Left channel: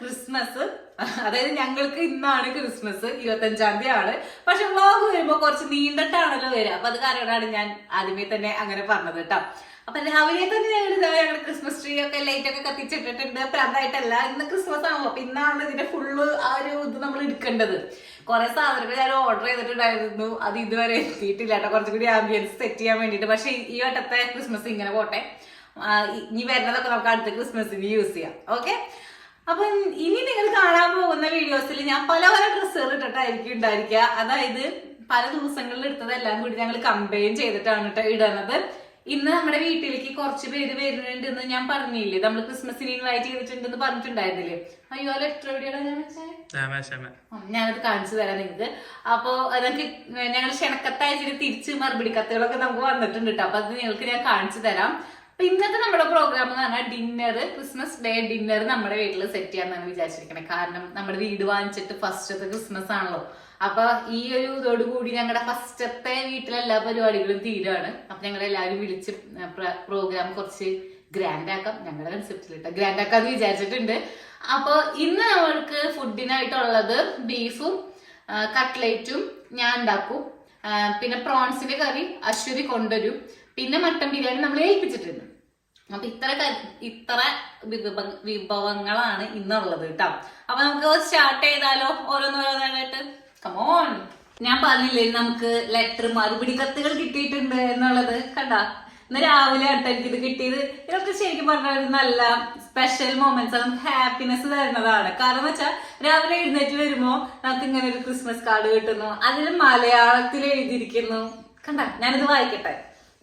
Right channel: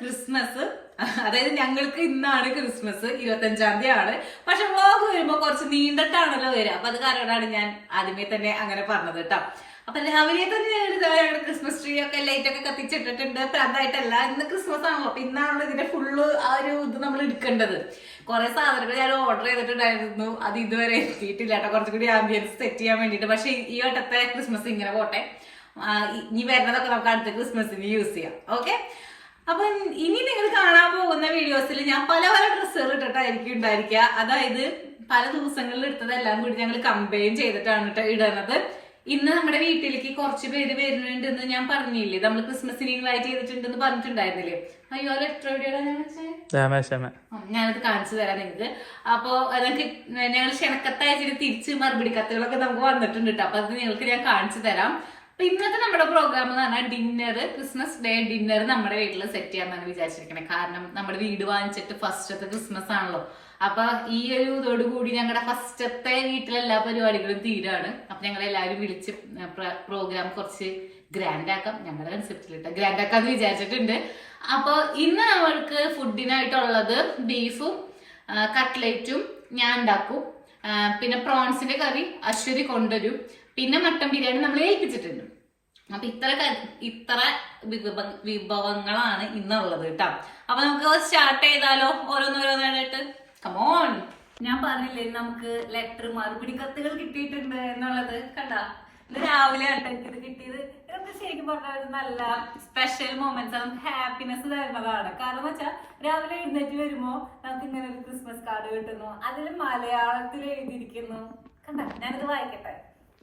Christmas. അതായത് ഞങ്ങൾക്ക് ഇന്നാണ് ക്രിസ്മസ്, 25-ാം തീയതിയാണ്. പക്ഷെ വ്ളോഗ് വരുമ്പോ കുറച്ച് നീണ്ടിട്ടാണല്ലോ വരിക. അപ്പൊ അത് കാരണമാണ് ഞാൻ ആദ്യമേ തന്നെ അങ്ങനെ പറഞ്ഞത് കേട്ടോ. അപ്പൊ രാവിലെ തന്നെ ഞങ്ങളുടെ ക്രിസ്മസ് ട്രീ ഒക്കെ ലൈറ്റ് ഒക്കെ കത്തിച്ചിട്ടിട്ടുണ്ട്. പ്രാന്തായിട്ടല്ല, ഇന്ന് ക്രിസ്മസ് ആണല്ലോ. അപ്പൊ ഇന്നാണ് ഇതിന്റെ ഫുള്ള് ആ ഒരു ഇത് നമ്മൾ എടുക്കേണ്ടത്. കുറെ സാധനങ്ങൾ ഞാൻ ഓർഡർ ചെയ്തിട്ടുണ്ടായിരുന്നു, അത് ഇതുവരെ എത്തിയിട്ടില്ല കേട്ടോ. കുറച്ചുകൂടി ആംബിയൻസ് സെറ്റ് ചെയ്യാൻ വേണ്ടിട്ട്. പക്ഷെ ഈ വട്ടത്തെ ക്രിസ്മസ് ഇങ്ങനെ പോട്ടെ, ഇനി വരുന്നതൊക്കെ നമുക്ക് അടുത്ത ക്രിസ്മസിന് യൂസ് ചെയ്യാം. ഓക്കെ, അപ്പൊ ഇനി നിങ്ങൾ കാണാൻ പോകുന്ന വീഡിയോസിൽ ഞാൻ പല പല ഡ്രസ്സുകൾ ഇട്ടിട്ടായിരിക്കും ഉണ്ടായിരിക്കുക. അതായത് പല ദിവസങ്ങളിൽ എടുത്തതെല്ലാം കൂടി ഞങ്ങൾ കമ്പൈൻ ചെയ്തിട്ടാണ് ഇടുന്നത്. ഇന്ന് നമ്മുടെ വീട്ടിലേക്ക് കുറച്ച് പേര് വരുന്നുണ്ടെന്ന് ഞാൻ പറഞ്ഞില്ലേ, നമ്മൾ ക്രിസ്മസിന് ഇൻവൈറ്റ് ചെയ്തിട്ടുണ്ടെന്ന് പറഞ്ഞിട്ടുണ്ടായിരുന്നില്ലേ. അയ്യോ, ലെറ്റർ എവിടെയാണ് ഞാനത് കാണിച്ചു തരാം നിങ്ങൾക്ക്. അപ്പൊ അതൊക്കെ ഞങ്ങൾ ക്ഷണക്കത്തയച്ചിട്ട് തിരിച്ച് മറുപടി കത്തുകളൊക്കെ നമുക്ക് വന്നിട്ടുണ്ട് കേട്ടോ. അപ്പൊ അത് നിങ്ങൾക്ക് ഞാൻ കാണിച്ചു തരാം. അപ്പൊ ഇന്നത്തെ നമ്മുടെ പ്രോഗ്രാം എന്ന് പറഞ്ഞാൽ ഡിന്നർ, ക്രിസ്മസ് ഡേ ഡിന്നർ നമ്മുടെ വീട്ടിൽ സെറ്റ് ചെയ്യാന്നാണ് വിചാരിച്ചിരിക്കണേ. കാരണം നമ്മുടെ വീട് വാങ്ങിച്ചിട്ട് ഫസ്റ്റത്തെ ക്രിസ്മസ് ആണല്ലോ. അപ്പൊ ഈ ഒരു ഇതോടുകൂടി ഞങ്ങളുടെ ഫസ്റ്റത്തെ വീട്ടിലെല്ലാ പരിപാടികളും തീരാണ്. അപ്പൊ ഞങ്ങൾ എല്ലാവരും വിളിച്ച് പ്രോഗ്രാം കുറച്ച് ഗ്രാൻഡ് ആക്കാം, ഞങ്ങളുടെ കൺസെപ്റ്റിലിട്ട് ഗ്രാൻഡ് ആക്കാന്ന് വിചാരിച്ചിട്ടുണ്ട്. അപ്പൊ ഇന്ന് നമ്മൾക്ക് ഫുഡിനായിട്ടുള്ളത് ബീഫും കട്ട്ലേറ്റും ഞാൻ ഉണ്ടാക്കും. പിന്നെ പ്രോൺസിന്റെ കറി അശ്വതി കൊണ്ടുവരും. പിന്നെ മട്ടൻ ബിരിയാണി നമ്മൾ ഏൽപ്പിച്ചിട്ടുണ്ട്. അപ്പൊ ഇത്ര വിഭവങ്ങളാണ് ഇന്നുള്ളത് കേട്ടോ. അപ്പൊ നമുക്ക് സ്റ്റാർട്ട് ചെയ്താലോ, ഓരോന്നോരോന്നായിട്ട്. കമോൺ, ഞാൻ പറഞ്ഞില്ലേ നമുക്ക് ലെറ്റർ മറുപടി കത്തുകൾ കിട്ടിയിട്ടുണ്ട് എന്നുള്ളത്. കണ്ടാ, ഇന്ന് രാവിലെ ആട്ടോ എനിക്കിത് കിട്ടിയത്. ഇതൊക്കെ ശരിക്കും പറഞ്ഞ ഒരു നല്ല സ്പെഷ്യൽ മൊമെന്റ്സ്, നമുക്ക് ഹാപ്പിനെസ് തരുന്നതാണ്. കാരണം എന്ന് വെച്ചാൽ രാവിലെ എഴുന്നേറ്റ് വരുമ്പോ നമുക്ക് ഇങ്ങനെ ഒരു ക്രിസ്മസ് കാർഡ് കിട്ടുന്നു, അതിൽ മലയാളത്തിൽ എഴുതിയിരിക്കുന്നു. കണ്ടാ, ഞാനിത് വായിക്കട്ടെ,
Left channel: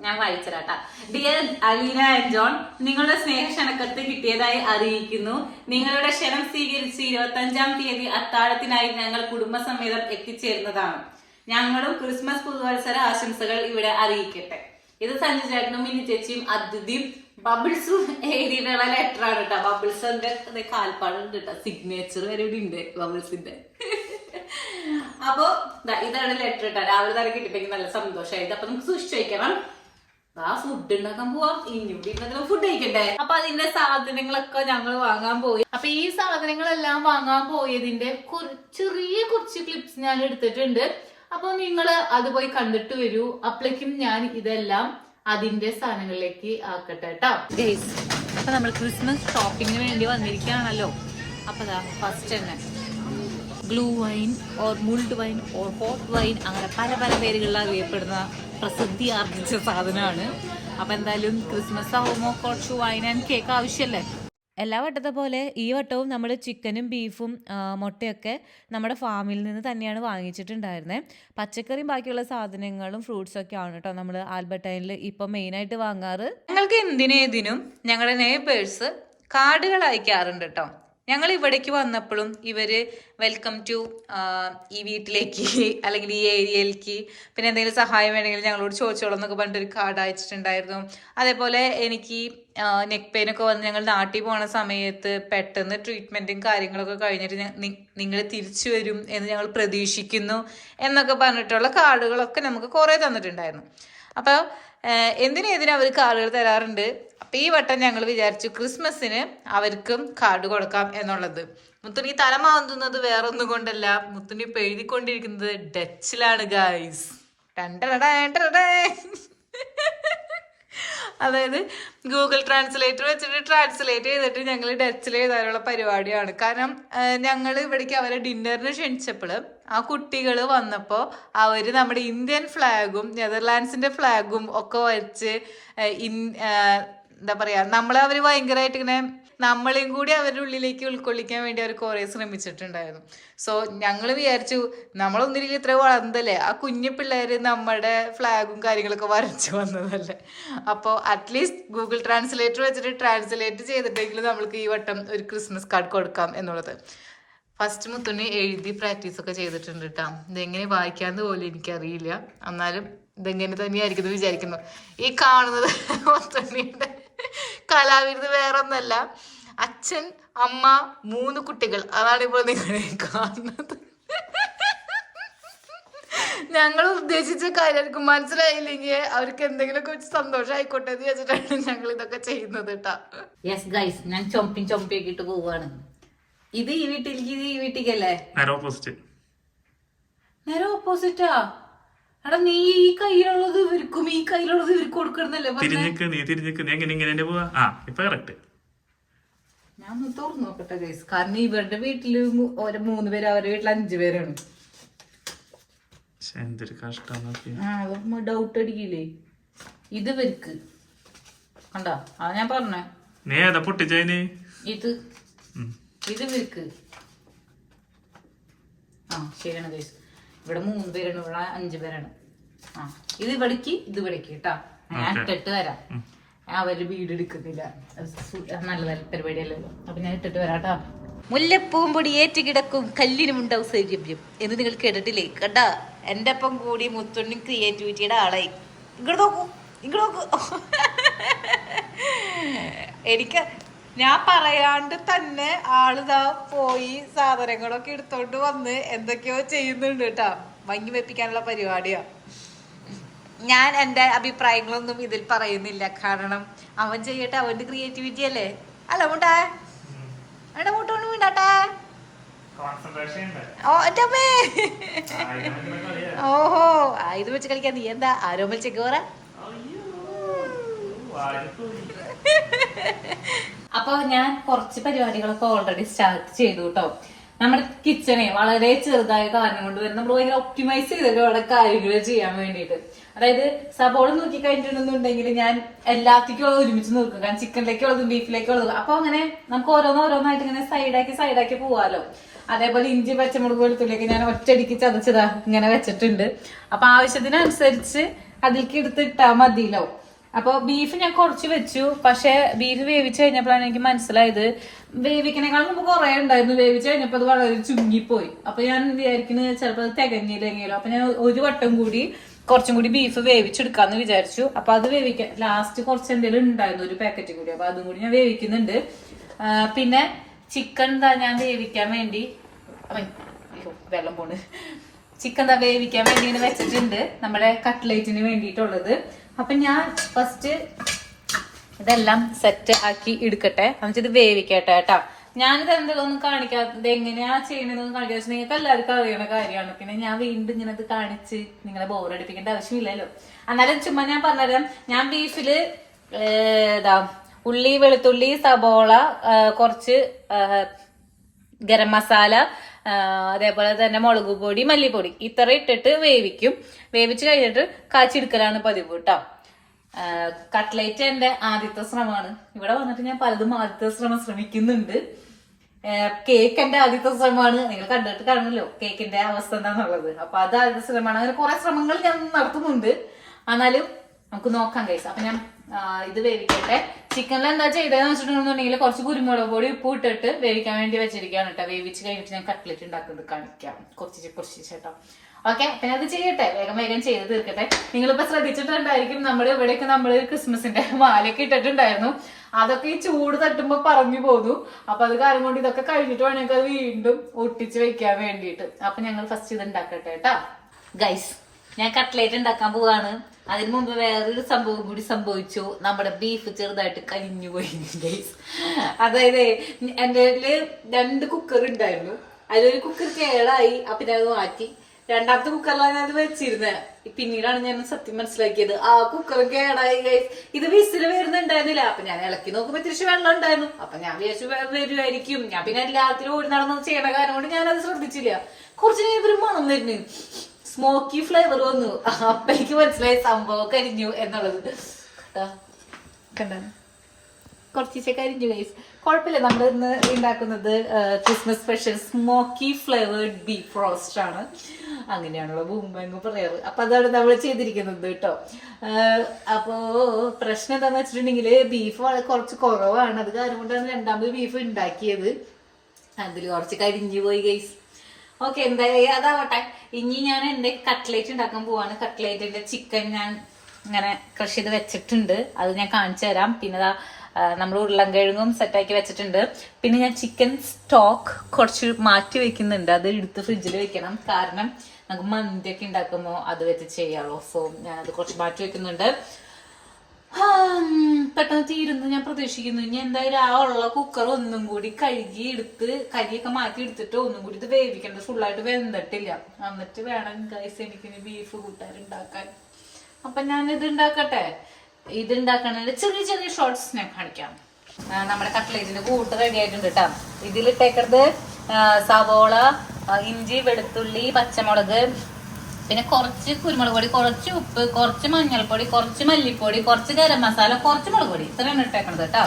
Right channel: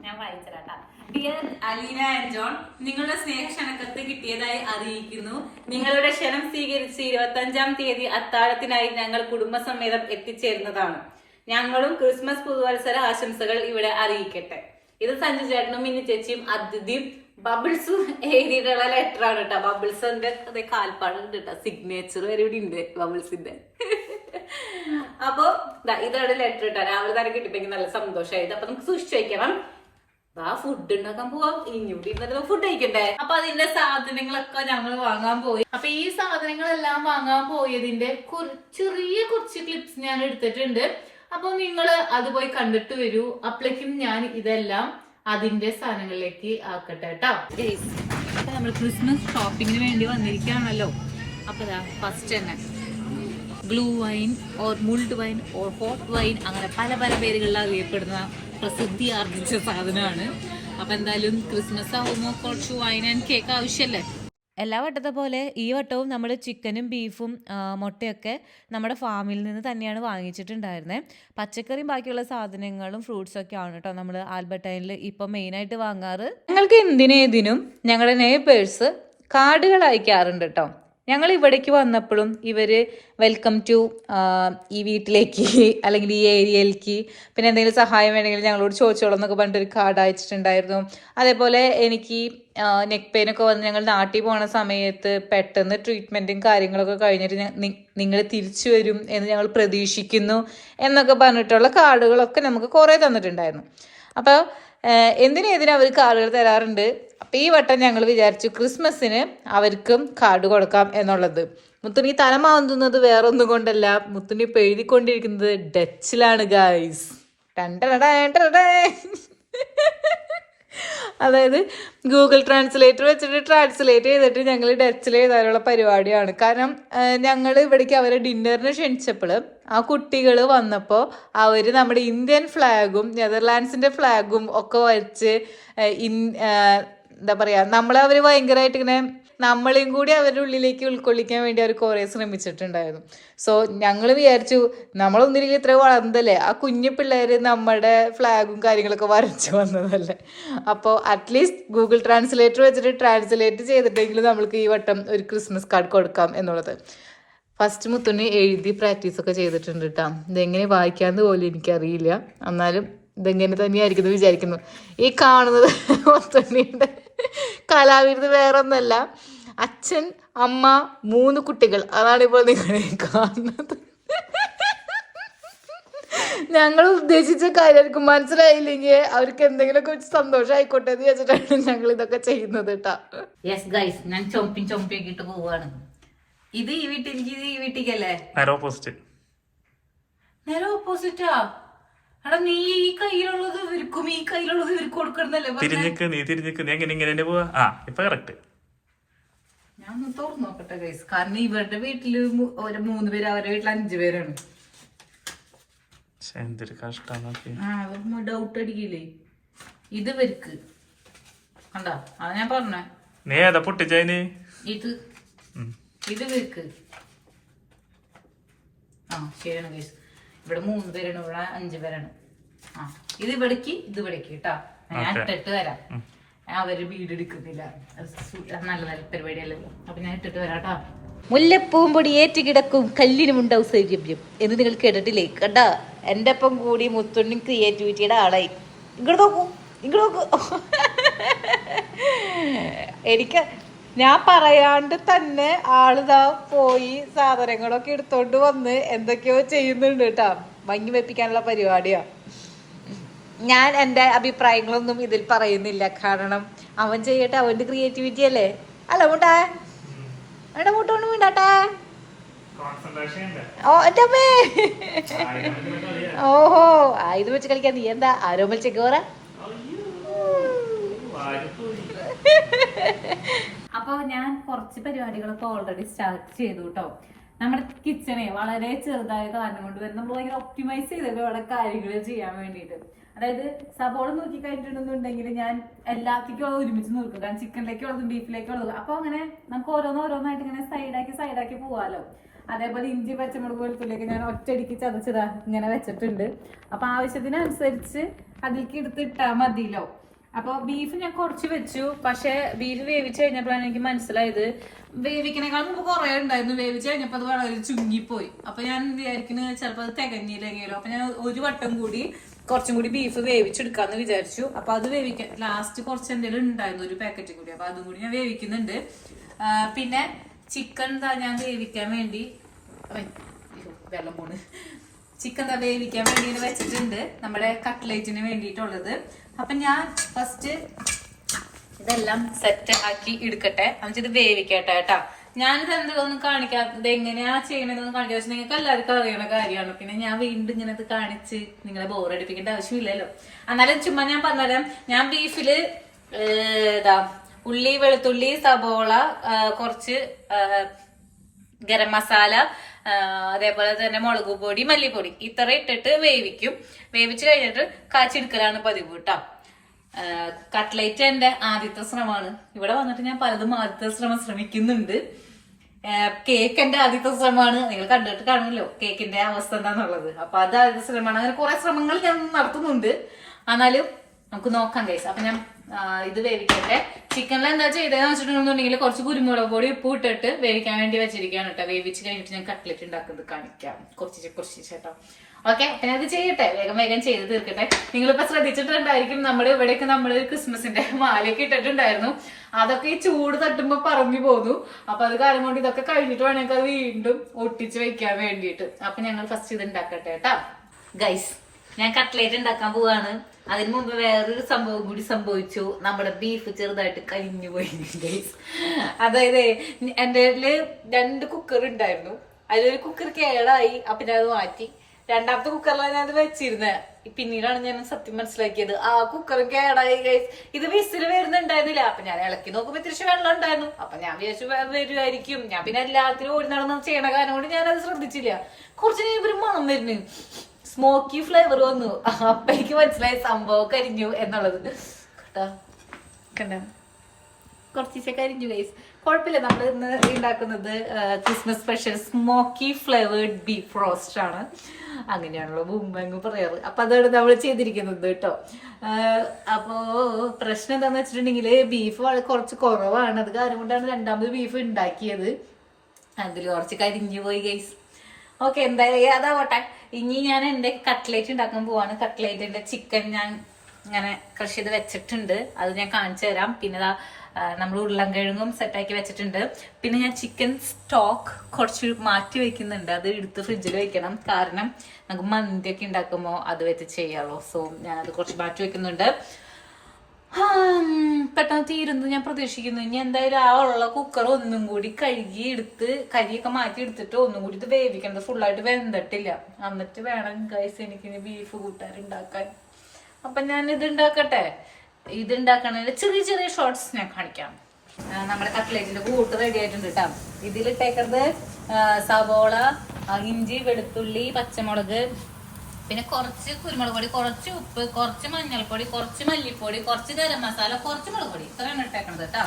ഞാൻ വായിച്ചരാട്ടാ. ഡിയർ അലീന ആൻഡ് ജോൺ, നിങ്ങളുടെ സ്നേഹക്ഷണക്കത്ത് കിട്ടിയതായി അറിയിക്കുന്നു. നിങ്ങളുടെ ക്ഷണം സ്വീകരിച്ച് 25-ാം തീയതി അത്താഴത്തിനായി ഞങ്ങൾ കുടുംബസമേതം എത്തിച്ചേരുന്നതാണ്. ഞങ്ങളും ക്രിസ്മസ് പുതുവത്സര ആശംസകൾ ഇവിടെ അറിയിക്കട്ടെ. ഇത് സഞ്ജു ചേട്ടനും മിനി ചേച്ചിയും അതിഥിയും ബബിൾസും എഴുതിയിട്ടുള്ള ലെറ്റർ ആണ് കേട്ടോ. ബബിൾസിന്റെ കാൽപ്പാടുണ്ട് കേട്ടോ, സിഗ്നേച്ചർ വരെ ഇവിടെ ഉണ്ട് ബബിൾസിന്റെ. അപ്പൊ ഇതാണ് ലെറ്റർ കേട്ടോ. രാവിലെ തന്നെ കിട്ടിയപ്പോ നല്ല സന്തോഷമായത്. അപ്പൊ നമുക്ക് സൂക്ഷിച്ചു വയ്ക്കണം. ഫുഡ് ഉണ്ടാക്കാൻ പോവാം, ഇനിയൂടി ഫുഡ് കഴിക്കണ്ടേ. അപ്പൊ അതിന്റെ സാധനങ്ങളൊക്കെ ഞങ്ങൾ വാങ്ങാൻ പോയി. അപ്പൊ ഈ സാധനങ്ങളെല്ലാം വാങ്ങാൻ പോയതിന്റെ ചെറിയ കുറച്ച് ക്ലിപ്സ് ഞാൻ എടുത്തിട്ടുണ്ട്. അപ്പൊ നിങ്ങൾ അത് പോയി കണ്ടിട്ട് വരൂ. അപ്പോഴേക്കും ഞാൻ ഇതെല്ലാം അതിന്റെ സാധനങ്ങളിലേക്ക് ആക്കട്ടെ കേട്ടോ. അപ്പൊ നമ്മൾ ക്രിസ്മസ് ഷോപ്പിങ്ങിന് വേണ്ടി വന്നിരിക്കുകയാണല്ലോ. അപ്പൊ ഫസ്റ്റ് തന്നെ gluhwein or mulled wine or hot wine, അങ്ങനെ പല പല പേരുകളിൽ അറിയപ്പെടുന്ന പ്രസിദ്ധി ആർജിച്ച സാധനമാണ്. അപ്പൊ എന്തായാലും ക്രിസ്മസ് ആവുമ്പോ കുറച്ച് വൈൻ ആൻഡ് കേക്ക് ആവശ്യമല്ലേ. എല്ലാ വട്ടത്തെ പോലെ ഈ വട്ടവും നമ്മൾ ചിക്കനും ബീഫും മുട്ടയൊക്കെ നമ്മുടെ ഫാമിൽ നിന്ന് തന്നെയാണ് വാങ്ങിച്ചിട്ടുണ്ടായിരുന്നത്. പച്ചക്കറിയും ബാക്കിയുള്ള സാധനങ്ങളും ഫ്രൂട്ട്സൊക്കെ ആണ് കേട്ടോ നമ്മൾ ആൽബർട്ടൈനിൽ ഇപ്പം മെയിനായിട്ട് വാങ്ങാറ്. ഞങ്ങൾക്ക് എന്തിനേതിനും ഞങ്ങളുടെ നെയ്ബേഴ്സ് കാർഡുകൾ അയക്കാറുണ്ട് കേട്ടോ. ഞങ്ങൾ ഇവിടേക്ക് വന്നപ്പോഴും ഇവര് വെൽക്കം ടു ഈ വീട്ടിലേക്ക് അല്ലെങ്കിൽ ഈ ഏരിയയിലേക്ക്, പിന്നെ എന്തെങ്കിലും സഹായം വേണമെങ്കിൽ ഞങ്ങളോട് ചോദിച്ചോളൂ എന്നൊക്കെ പറഞ്ഞിട്ടൊരു കാർഡ് അയച്ചിട്ടുണ്ടായിരുന്നു. അതേപോലെ എനിക്ക് നെക്ക് പെയിനൊക്കെ വന്ന് ഞങ്ങൾ നാട്ടിൽ പോണ സമയത്ത് പെട്ടെന്ന് ട്രീറ്റ്മെൻറ്റും കാര്യങ്ങളൊക്കെ കഴിഞ്ഞിട്ട് നിങ്ങൾ തിരിച്ചു വരും എന്ന് ഞങ്ങൾ പ്രതീക്ഷിക്കുന്നു എന്നൊക്കെ പറഞ്ഞിട്ടുള്ള കാർഡുകളൊക്കെ നമുക്ക് കുറേ തന്നിട്ടുണ്ടായിരുന്നു. അപ്പോൾ എന്തിനേതിനും അവർ കാർഡുകൾ തരാറുണ്ട്. അപ്പം ഈ വട്ടം ഞങ്ങൾ വിചാരിച്ചു ക്രിസ്മസിന് അവർക്കും കാർഡ് കൊടുക്കാം എന്നുള്ളത്. മുത്തുണി തലമാവുന്നത് വേറെ ഒന്നും കൊണ്ടല്ല, മുത്തുണി ഇപ്പം എഴുതിക്കൊണ്ടിരിക്കുന്നത് ഡച്ചിലാണ് ഗൈസ്. അതായത് ഗൂഗിൾ ട്രാൻസ്ലേറ്റർ വെച്ചിട്ട് ട്രാൻസ്ലേറ്റ് ചെയ്തിട്ട് ഞങ്ങൾ ഡച്ചിൽ എഴുതാനുള്ള പരിപാടിയാണ്. കാരണം ഞങ്ങൾ ഇവിടേക്ക് അവരെ ഡിന്നറിന് ക്ഷണിച്ചപ്പോൾ ആ കുട്ടികൾ വന്നപ്പോൾ അവർ നമ്മുടെ ഇന്ത്യൻ ഫ്ലാഗും നെതർലാൻഡ്സിന്റെ ഫ്ലാഗും ഒക്കെ വച്ച് എന്താ പറയാ, നമ്മളെ അവർ ഭയങ്കരമായിട്ട് ഇങ്ങനെ നമ്മളെയും കൂടി അവരുടെ ഉള്ളിലേക്ക് ഉൾക്കൊള്ളിക്കാൻ വേണ്ടി അവർ കുറേ ശ്രമിച്ചിട്ടുണ്ടായിരുന്നു. സോ ഞങ്ങൾ വിചാരിച്ചു നമ്മളൊന്നില്ലെങ്കിൽ ഇത്ര വളർന്നതല്ലേ, ആ കുഞ്ഞു പിള്ളേർ നമ്മുടെ ഫ്ലാഗും കാര്യങ്ങളൊക്കെ വരച്ചു വന്നതല്ലേ, അപ്പോൾ അറ്റ്ലീസ്റ്റ് ഗൂഗിൾ ട്രാൻസ്ലേറ്റർ വെച്ചിട്ട് ട്രാൻസ്ലേറ്റ് ചെയ്തിട്ടെങ്കിലും നമ്മൾക്ക് ഈ വട്ടം ഒരു ക്രിസ്മസ് കാർഡ് കൊടുക്കാം എന്നുള്ളത്. ഫസ്റ്റ് മുത്തുണ്ണി എഴുതി പ്രാക്ടീസൊക്കെ ചെയ്തിട്ടുണ്ട് കേട്ടോ. ഇതെങ്ങനെ വായിക്കാന്ന് പോലും എനിക്കറിയില്ല, എന്നാലും ഇതെങ്ങനെ തന്നെയായിരിക്കും വിചാരിക്കുന്നു. ഈ കാണുന്നത് മുത്തുണ്ണിയുടെ കലാവിരുത് വേറെ ഒന്നല്ല, അച്ഛൻ അമ്മ 3 കുട്ടികൾ, അതാണ് ഇപ്പോൾ നിങ്ങളെ കാണുന്നത്. ഞങ്ങൾ ഉദ്ദേശിച്ച കാര്യമായിരിക്കും, മനസ്സിലായില്ലെങ്കിൽ അവർക്ക് എന്തെങ്കിലുമൊക്കെ വെച്ച് സന്തോഷമായിക്കോട്ടെ എന്ന് വെച്ചിട്ടാണ് ഞങ്ങൾ ഇതൊക്കെ ചെയ്യുന്നത് കേട്ടോ. യെസ് ഗൈസ്, ഞാൻ ചൊമ്പിയാക്കിട്ട് പോവാണ്. ഇത് ഈ വീട്ടിലേക്ക് ഇത് ഈ വീട്ടിലേക്കല്ലേ? നേരെ ഓപ്പോസിറ്റ്. നേരെ ഓപ്പോസിറ്റാ? എടാ നീ ഈ കയ്യിലുള്ളത് ഇവർക്കും ഈ കയ്യിലുള്ളത് ഇവർക്ക് കൊടുക്കണമെന്നല്ലേ? നീ തിരിഞ്ഞിക്ക് എങ്ങനെ ഇങ്ങനെ പോവാ. ഇപ്പൊ കറക്റ്റ്. ഞാൻ ഒന്ന് തുറന്നു നോക്കട്ടെ ഗൈസ്. കാരണം ഇവരുടെ വീട്ടില് ഒരു 3 പേര്, അവരുടെ വീട്ടിൽ 5 പേരാണ്. എന്തൊരു കഷ്ടം. ഡൗട്ട് അടിക്കില്ലേ? ഇത് ഇവർക്ക് കണ്ടാ? അതാ ഞാൻ പറഞ്ഞേ. നീ ഏതാ പൊട്ടിച്ചതിന്? ഇത് ഇവർക്ക്. ശരിയാണ് ഗൈസ്. ഇവിടെ 3 പേരാണ്, ഇവിടെ 5 പേരാണ്. ഇത് ഇവിടേക്ക്, ഇത് ഇവിടേക്ക് കേട്ടാ. ഞാൻ ഇട്ടിട്ട് വരാം. അവര് വീട് എടുക്കുന്നില്ല, നല്ല പരിപാടിയല്ലല്ലോ. അപ്പൊ ഞാൻ ഇട്ടിട്ട് വരാട്ടാ. മുല്ലപ്പൂവും പൊടി ഏറ്റ് കിടക്കും കല്ലിനുമുണ്ടാവും സൗരഭ്യം എന്ന് നിങ്ങൾ കേട്ടിട്ടില്ലേ? കണ്ടാ, എന്റെ ഒപ്പം കൂടി മുത്തുണ്ണി ക്രിയേറ്റിവിറ്റിയുടെ ആളായി. ഇങ്ങോട്ട് നോക്കൂ, ഇങ്ങോട്ട് നോക്കൂ. എനിക്ക് ഞാൻ പറയാണ്ട് തന്നെ ആളിതാ പോയി സാധനങ്ങളൊക്കെ എടുത്തോണ്ട് വന്ന് എന്തൊക്കെയോ ചെയ്യുന്നുണ്ട് കേട്ടാ. ഭംഗി വെപ്പിക്കാനുള്ള പരിപാടിയാ. ഞാൻ എന്റെ അഭിപ്രായങ്ങളൊന്നും ഇതിൽ പറയുന്നില്ല, കാരണം അവൻ ചെയ്യട്ടെ, അവന്റെ ക്രിയേറ്റിവിറ്റി അല്ലേ. അല്ല മുട്ടാ, എന്റെ മുട്ടോണ്ട് വീണ്ടാട്ടാ. ഓഹോ, ഇത് വെച്ച് കളിക്കാൻ നീ എന്താ ആരോമൽ ചെക്കോറ? അപ്പൊ ഞാൻ കുറച്ച് പരിപാടികളൊക്കെ ഓൾറെഡി സ്റ്റാർട്ട് ചെയ്തു കേട്ടോ. നമ്മുടെ കിച്ചണെ വളരെ ചെറുതായ കാരണം കൊണ്ട് തന്നെ നമ്മൾ ഭയങ്കര ഒപ്റ്റിമൈസ് ചെയ്തൊക്കെ അവിടെ കാര്യങ്ങൾ ചെയ്യാൻ വേണ്ടിയിട്ട്. അതായത് സബോള നോക്കി കഴിഞ്ഞിട്ടുണ്ടെന്നുണ്ടെങ്കിൽ ഞാൻ എല്ലാത്തേക്കും ഒരുമിച്ച് നോക്കും, കാരണം ചിക്കനിലേക്കുള്ളതും ബീഫിലേക്കുള്ളതും. അപ്പൊ അങ്ങനെ നമുക്ക് ഓരോന്നായിട്ട് ഇങ്ങനെ സൈഡാക്കി പോവാലോ. അതേപോലെ ഇഞ്ചി, പച്ചമുളക്, വെളുത്തുള്ളിയൊക്കെ ഞാൻ ഒറ്റയടിക്ക് ചതച്ചതാ ഇങ്ങനെ വെച്ചിട്ടുണ്ട്. അപ്പൊ ആവശ്യത്തിനനുസരിച്ച് അതിലേക്ക് എടുത്തിട്ടാ മതിയല്ലോ. അപ്പൊ ബീഫ് ഞാൻ കുറച്ച് വെച്ചു, പക്ഷെ ബീഫ് വേവിച്ച് കഴിഞ്ഞപ്പോഴാണ് എനിക്ക് മനസ്സിലായത് വേവിക്കണേക്കാൾ മുമ്പ് കുറെ ഉണ്ടായിരുന്നു. വേവിച്ച് കഴിഞ്ഞപ്പോ അത് വളരെ ചുങ്ങിപ്പോയി. അപ്പൊ ഞാൻ വിചാരിക്കുന്നത് ചിലപ്പോൾ അത് തികഞ്ഞില്ലെങ്കിലോ. അപ്പൊ ഞാൻ ഒരു വട്ടം കൂടി കുറച്ചും കൂടി ബീഫ് വേവിച്ചെടുക്കാന്ന് വിചാരിച്ചു. അപ്പൊ അത് വേവിക്കാൻ ലാസ്റ്റ് കുറച്ച് എന്തെങ്കിലും ഉണ്ടായിരുന്നു, ഒരു പാക്കറ്റ് കൂടി. അപ്പൊ അതും കൂടി ഞാൻ വേവിക്കുന്നുണ്ട്. പിന്നെ ചിക്കൻ ഞാൻ വേവിക്കാൻ വേണ്ടി വെള്ളം പോണ്. ചിക്കൻ വേവിക്കാൻ വേണ്ടി ഇങ്ങനെ വെച്ചിട്ടുണ്ട്, നമ്മുടെ കട്ട്ലേറ്റിന് വേണ്ടിയിട്ടുള്ളത്. അപ്പൊ ഞാൻ ഫസ്റ്റ് ഇതെല്ലാം സെറ്റ് ആക്കി എടുക്കട്ടെ, എന്നിട്ട് ഇത് വേവിക്കട്ടെ കേട്ടോ. ഞാനിത് എന്തെങ്കിലും കാണിക്കാത്തത് എങ്ങനെയാ ചെയ്യണമെന്നൊന്നും കാണിക്കാതെ വെച്ചാൽ നിങ്ങൾക്ക് എല്ലാവർക്കും അറിയുന്ന കാര്യമാണ്. പിന്നെ ഞാൻ വീണ്ടും ഇങ്ങനെ ഇത് കാണിച്ച് നിങ്ങളെ ബോറടിപ്പിക്കേണ്ട ആവശ്യമില്ലല്ലോ. എന്നാലും ചുമ്മാ ഞാൻ പറഞ്ഞുതരാം. ഞാൻ ബീഫില് ഉള്ളി, വെളുത്തുള്ളി, സബോള, കുറച്ച് ഗരം മസാല, അതേപോലെ തന്നെ മുളക് പൊടി, മല്ലിപ്പൊടി ഇത്ര ഇട്ടിട്ട് വേവിക്കും. വേവിച്ച് കഴിഞ്ഞിട്ട് കാച്ചെടുക്കലാണ് പതിവ് കേട്ടോ. കട്ട്ലേറ്റ് എന്റെ ആദ്യത്തെ ശ്രമമാണ്. ഇവിടെ വന്നിട്ട് ഞാൻ പലതും ആദ്യത്തെ ശ്രമിക്കുന്നുണ്ട്. കേക്ക് എന്റെ ആദ്യത്തെ ശ്രമമാണ്. നിങ്ങൾ കണ്ടിട്ട് കാണുമല്ലോ കേക്കിന്റെ അവസ്ഥ എന്താന്നുള്ളത്. അപ്പൊ അത് ആദ്യത്തെ ശ്രമമാണ്. അങ്ങനെ കുറെ ശ്രമങ്ങൾ ഞാൻ നടത്തുന്നുണ്ട്. എന്നാലും നമുക്ക് നോക്കാം ഗൈസ്. അപ്പൊ ഞാൻ ഇത് വേവിക്കട്ടെ. ചിക്കനിൽ എന്താ ചെയ്തതെന്ന് വെച്ചിട്ടുണ്ടെന്നുണ്ടെങ്കിൽ കുറച്ച് കുരുമുളക് പൊടി, ഉപ്പ് ഇട്ടിട്ട് വേവിക്കാൻ വേണ്ടി വെച്ചിരിക്കുകയാണ് കേട്ടോ. വേവിച്ച് കഴിഞ്ഞിട്ട് ഞാൻ കട്ട്ലേറ്റ് ഉണ്ടാക്കുന്നത് കാണിക്കാം കുറച്ച് ചേട്ടോ. ഓക്കെ, അപ്പൊ ഞാൻ അത് ചെയ്യട്ടെ, വേഗം ചെയ്ത് തീർക്കട്ടെ. നിങ്ങളിപ്പോ ശ്രദ്ധിച്ചിട്ടുണ്ടായിരിക്കും നമ്മുടെ ഇവിടെയൊക്കെ നമ്മള് ക്രിസ്മസിന്റെ മാലയൊക്കെ ഇട്ടിട്ടുണ്ടായിരുന്നു. അതൊക്കെ ഈ ചൂട് തട്ടുമ്പോ പറഞ്ഞു പോന്നു. അപ്പൊ അത് കാര്യം കൊണ്ട് ഇതൊക്കെ കഴിഞ്ഞിട്ട് വേണമെങ്കിൽ അത് വീണ്ടും ഒട്ടിച്ച് വെക്കാൻ വേണ്ടിയിട്ട്. അപ്പൊ ഞങ്ങൾ ഫസ്റ്റ് ഇത് ഉണ്ടാക്കട്ടെ കേട്ടോ ഗൈസ്. ഞാൻ കട്ട്ലേറ്റ് ഉണ്ടാക്കാൻ പോവാണ്. അതിന് മുമ്പ് വേറൊരു സംഭവം കൂടി സംഭവിച്ചു. നമ്മുടെ ബീഫ് ചെറുതായിട്ട് കരിഞ്ഞു പോയി ഗൈസ്. അതായത് എന്റെ 2 കുക്കർ ഉണ്ടായിരുന്നു. അതിലൊരു കുക്കർ കേടായി. അപ്പൊ ഞാൻ അത് മാറ്റി. രണ്ടാമത്തെ കുക്കറിലാണ് ഞാൻ വെച്ചിരുന്നത്. പിന്നീടാണ് ഞാൻ സത്യം മനസ്സിലാക്കിയത് ആ കുക്കർ കേടായി ഗൈസ്. ഇത് വിസില് വരുന്നുണ്ടായിരുന്നില്ല. അപ്പൊ ഞാൻ ഇളക്കി നോക്കുമ്പോ തിരിച്ച് വെള്ളം ഉണ്ടായിരുന്നു. അപ്പൊ ഞാൻ വിചാരിച്ചു വരുമായിരിക്കും. ഞാൻ പിന്നെ എല്ലാത്തിലും ഓടി നടന്ന് ചെയ്യണ കാരണം കൊണ്ട് ഞാനത് ശ്രദ്ധിച്ചില്ല. കുറച്ച് കഴിഞ്ഞ ഒരു മണം വരുന്നു, സ്മോക്കി ഫ്ലേവർ വന്നു. അപ്പൊ എനിക്ക് മനസ്സിലായി സംഭവം കരിഞ്ഞു എന്നുള്ളത്. കുറച്ച് കരിഞ്ഞു ഗൈസ്. കുഴപ്പമില്ല, നമ്മൾ ഇന്ന് ഉണ്ടാക്കുന്നത് Christmas special smoky flavoured beef roast ആണ്. അങ്ങനെയാണല്ലോ മുമ്പെങ്ങും പറയാറ്. അപ്പൊ അതാണ് നമ്മൾ ചെയ്തിരിക്കുന്നത് കേട്ടോ. അപ്പോ പ്രശ്നം എന്താന്ന് വെച്ചിട്ടുണ്ടെങ്കിൽ ബീഫ് കുറച്ച് കുറവാണ്. അത് കാരണം കൊണ്ടാണ് രണ്ടാമത് ബീഫ് ഉണ്ടാക്കിയത്. അതിൽ കുറച്ച് കരിഞ്ഞു പോയി ഗൈസ്. ഓക്കെ, എന്തായാലും അതാവട്ടെ. ഇനി ഞാൻ എന്റെ കട്ട്ലേറ്റ് ഉണ്ടാക്കാൻ പോവാണ്. കട്ട്ലേറ്റിന്റെ ചിക്കൻ ഞാൻ ഇങ്ങനെ ക്രഷ് ചെയ്ത് വെച്ചിട്ടുണ്ട്. അത് ഞാൻ കാണിച്ചു തരാം. പിന്നെ നമ്മൾ ഉരുളൻകിഴങ്ങും സെറ്റാക്കി വെച്ചിട്ടുണ്ട്. പിന്നെ ഞാൻ ചിക്കൻ സ്റ്റോക്ക് കുറച്ച് മാറ്റി വെക്കുന്നുണ്ട്. അത് എടുത്ത് ഫ്രിഡ്ജിൽ വെക്കണം, കാരണം നമുക്ക് മന്തിയൊക്കെ ഉണ്ടാക്കുമ്പോൾ അത് വെച്ച് ചെയ്യാമല്ലോ. സോ ഞാൻ അത് കുറച്ച് മാറ്റി വെക്കുന്നുണ്ട്. പെട്ടെന്ന് തീരുന്നു ഞാൻ പ്രതീക്ഷിക്കുന്നു. ഇനി എന്തായാലും ആ ഉള്ള കുക്കർ ഒന്നും കൂടി കഴുകി എടുത്ത് കരിയൊക്കെ മാറ്റി എടുത്തിട്ട് ഒന്നും കൂടി ഇത് വേവിക്കേണ്ടത്. ഫുള്ളായിട്ട് വെന്തിട്ടില്ല. എന്നിട്ട് വേണം ഗൈസ് എനിക്കിനി ബീഫ് കൂട്ടാനുണ്ടാക്കാൻ. അപ്പൊ ഞാൻ ഇത് ഉണ്ടാക്കട്ടെ. ഇത് ഉണ്ടാക്കണതിന്റെ ചെറിയ ചെറിയ ഷോർട്സ് ഞാൻ കാണിക്കാം. നമ്മുടെ കട്ട്ലേറ്റിന്റെ കൂട്ട് റെഡി ആയിട്ടുണ്ട് കേട്ടോ. ഇതിലിട്ടേക്കുന്നത് സവോള, ഇഞ്ചി, വെളുത്തുള്ളി, പച്ചമുളക്, പിന്നെ കുറച്ച് കുരുമുളക് പൊടി, കുറച്ച് ഉപ്പ്, കുറച്ച് മഞ്ഞൾപ്പൊടി, കുറച്ച് മല്ലിപ്പൊടി, കുറച്ച് ഗരം മസാല, കുറച്ച് മുളക് പൊടി, ഇത്രയാണ് ഇട്ടേക്കണത് കേട്ടോ.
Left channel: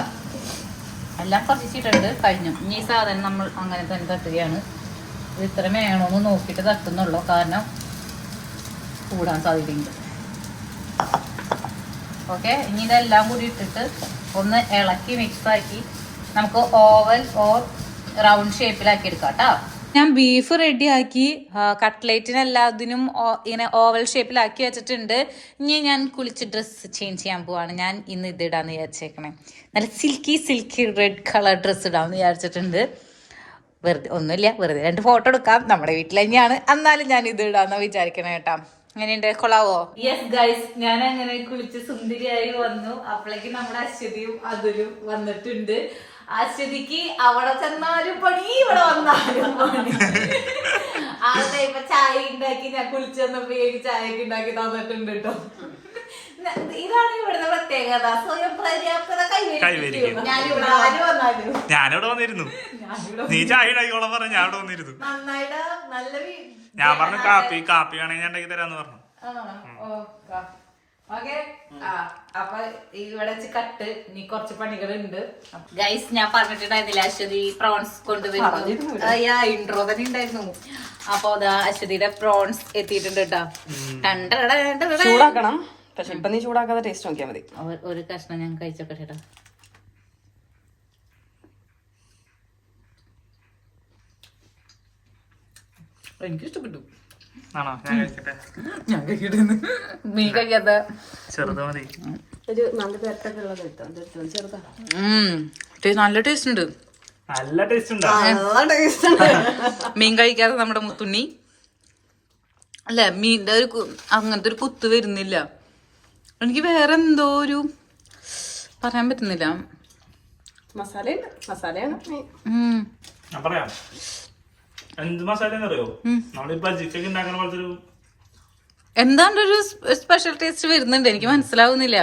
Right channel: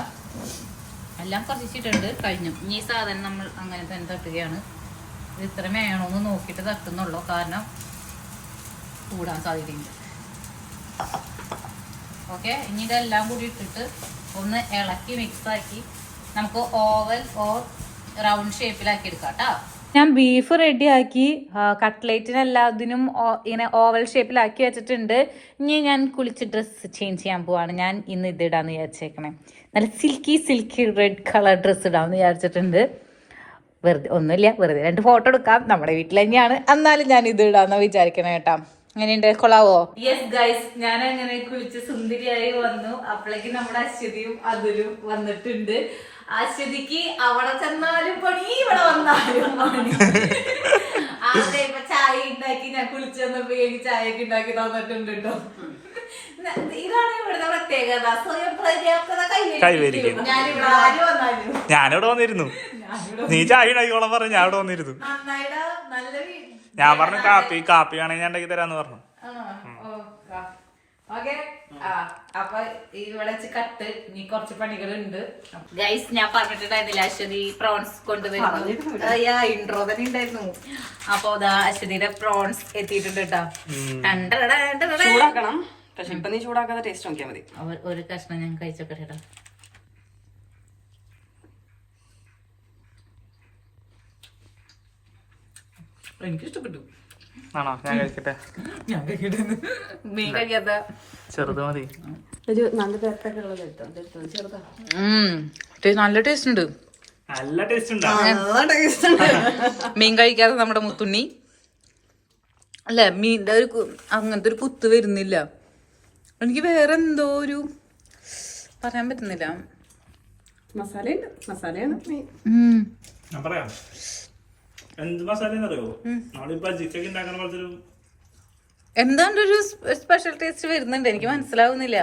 എല്ലാം കുറച്ചിട്ടുണ്ട്. കഴിഞ്ഞു. ഇനി ഈ സാധനം നമ്മൾ അങ്ങനെ തന്നെ തട്ടുകയാണ്. ഇത് ഇത്ര വേണോന്ന് നോക്കിയിട്ട് തട്ടുന്നുള്ളൂ, കാരണം കൂടാൻ സാധ്യതയുണ്ട്. ഓക്കെ, ഇനി ഇതെല്ലാം കൂടി ഇട്ടിട്ട് ഒന്ന് ഇളക്കി മിക്സ് ആക്കി നമുക്ക് ഓവൽ ഓർ റൗണ്ട് ഷേപ്പിലാക്കി എടുക്കാം കേട്ടോ. ഞാൻ ബീഫ് റെഡിയാക്കി കട്ട്ലേറ്റിനെല്ലാത്തിനും ഇങ്ങനെ ഓവൽ ഷേപ്പിലാക്കി വെച്ചിട്ടുണ്ട്. ഇനി ഞാൻ കുളിച്ച് ഡ്രസ്സ് ചേഞ്ച് ചെയ്യാൻ പോവാണ്. ഞാൻ ഇന്ന് ഇത് ഇടാന്ന് വിചാരിച്ചേക്കണേ. നല്ല സിൽക്കി റെഡ് കളർ ഡ്രസ്സ് ഇടാമെന്ന് വിചാരിച്ചിട്ടുണ്ട്. വെറുതെ ഒന്നുമില്ല, വെറുതെ 2 ഫോട്ടോ എടുക്കാം. നമ്മുടെ വീട്ടിൽ തന്നെയാണ്, എന്നാലും ഞാൻ ഇത് ഇടാന്ന് വിചാരിക്കണേ കേട്ടാ. അങ്ങനെയുണ്ട്, കൊള്ളാവോ? യെസ് ഗൈസ്, ഞാൻ അങ്ങനെ കുളിച്ച് സുന്ദരിയായി വന്നു. അപ്പോഴേക്കും നമ്മുടെ അശ്വതിയും അതുലും വന്നിട്ടുണ്ട്. അശ്വതിക്ക് അവിടെ ചെന്നാലും പണി, ഇവിടെ വന്നാലും പണി. ആദ്യം ഇപ്പൊ ചായ ഉണ്ടാക്കി ഞാൻ കുളിച്ചു വന്നപ്പോ എനിക്ക് ചായയൊക്കെ ഉണ്ടാക്കി തന്നിട്ടുണ്ട് കേട്ടോ. ഇതാണ് ഇവിടുത്തെ പ്രത്യേകത, സ്വയം പര്യാപ്തത കൈവരിക്കും. ഞാനിവിടെ ആര് വന്നാലും ഞാനിവിടെ വന്നിരുന്നു. നീ ചായ ഉണ്ടാക്കിക്കോളാൻ പറഞ്ഞു, ഞാൻ ഇവിടെ വന്നിരുന്നു. നന്നായിട്ട് നല്ല ഞാൻ പറഞ്ഞു കാപ്പി ആണെങ്കിൽ ഞാൻ ഉണ്ടാക്കി തരാന്ന് പറഞ്ഞു. ഓക്കെ. അപ്പൊ ഇവിടെ കട്ട് ഇനി കുറച്ച് പണികളുണ്ട് ഗൈസ്. ഞാൻ പറഞ്ഞിട്ടുണ്ടായിരുന്നില്ല അശ്വതി പ്രോൺസ് കൊണ്ടുവരുന്നു. ഇൻട്രോ തന്നെ ഉണ്ടായിരുന്നു. അപ്പൊ അശ്വതിയുടെ പ്രോൺസ് എത്തിയിട്ടുണ്ട് കേട്ടോ. ചൂടാക്കണം, പക്ഷെ ഇപ്പൊ നീ ചൂടാക്കാതെ ടേസ്റ്റ് നോക്കിയാൽ മതി. ഒരു കഷ്ണം ഞാൻ കഴിച്ചോട്ടെ ചേട്ടാ. എനിക്ക് ഇഷ്ടപ്പെട്ടു. ആണോ? ഞാൻ കഴിക്കട്ടെ. ഞാൻ കഴിക്കട്ടെ. നീ കഴിക്കാത്ത ചെറുത് മതി. നല്ല ടേസ്റ്റ് ഉണ്ട്. നല്ല ടേസ്റ്റ് ഉണ്ടാ. മീൻ കഴിക്കാതെ നമ്മുടെ മുത്തുണ്ണി അല്ലെ, മീൻ്റെ അങ്ങനത്തെ ഒരു കുത്ത് വരുന്നില്ല. എനിക്ക് വേറെ എന്തോ ഒരു പറയാൻ പറ്റുന്നില്ല. ഞാൻ പറയാം എന്ത് മസാല അറിയോ? നമ്മള് ബജിക്കൊക്കെ ഉണ്ടാക്കണ പോലത്തെ ഒരു എന്താണ്ട് ഒരു സ്പെഷ്യൽ ടേസ്റ്റ് വരുന്നുണ്ട്, എനിക്ക് മനസ്സിലാവുന്നില്ല.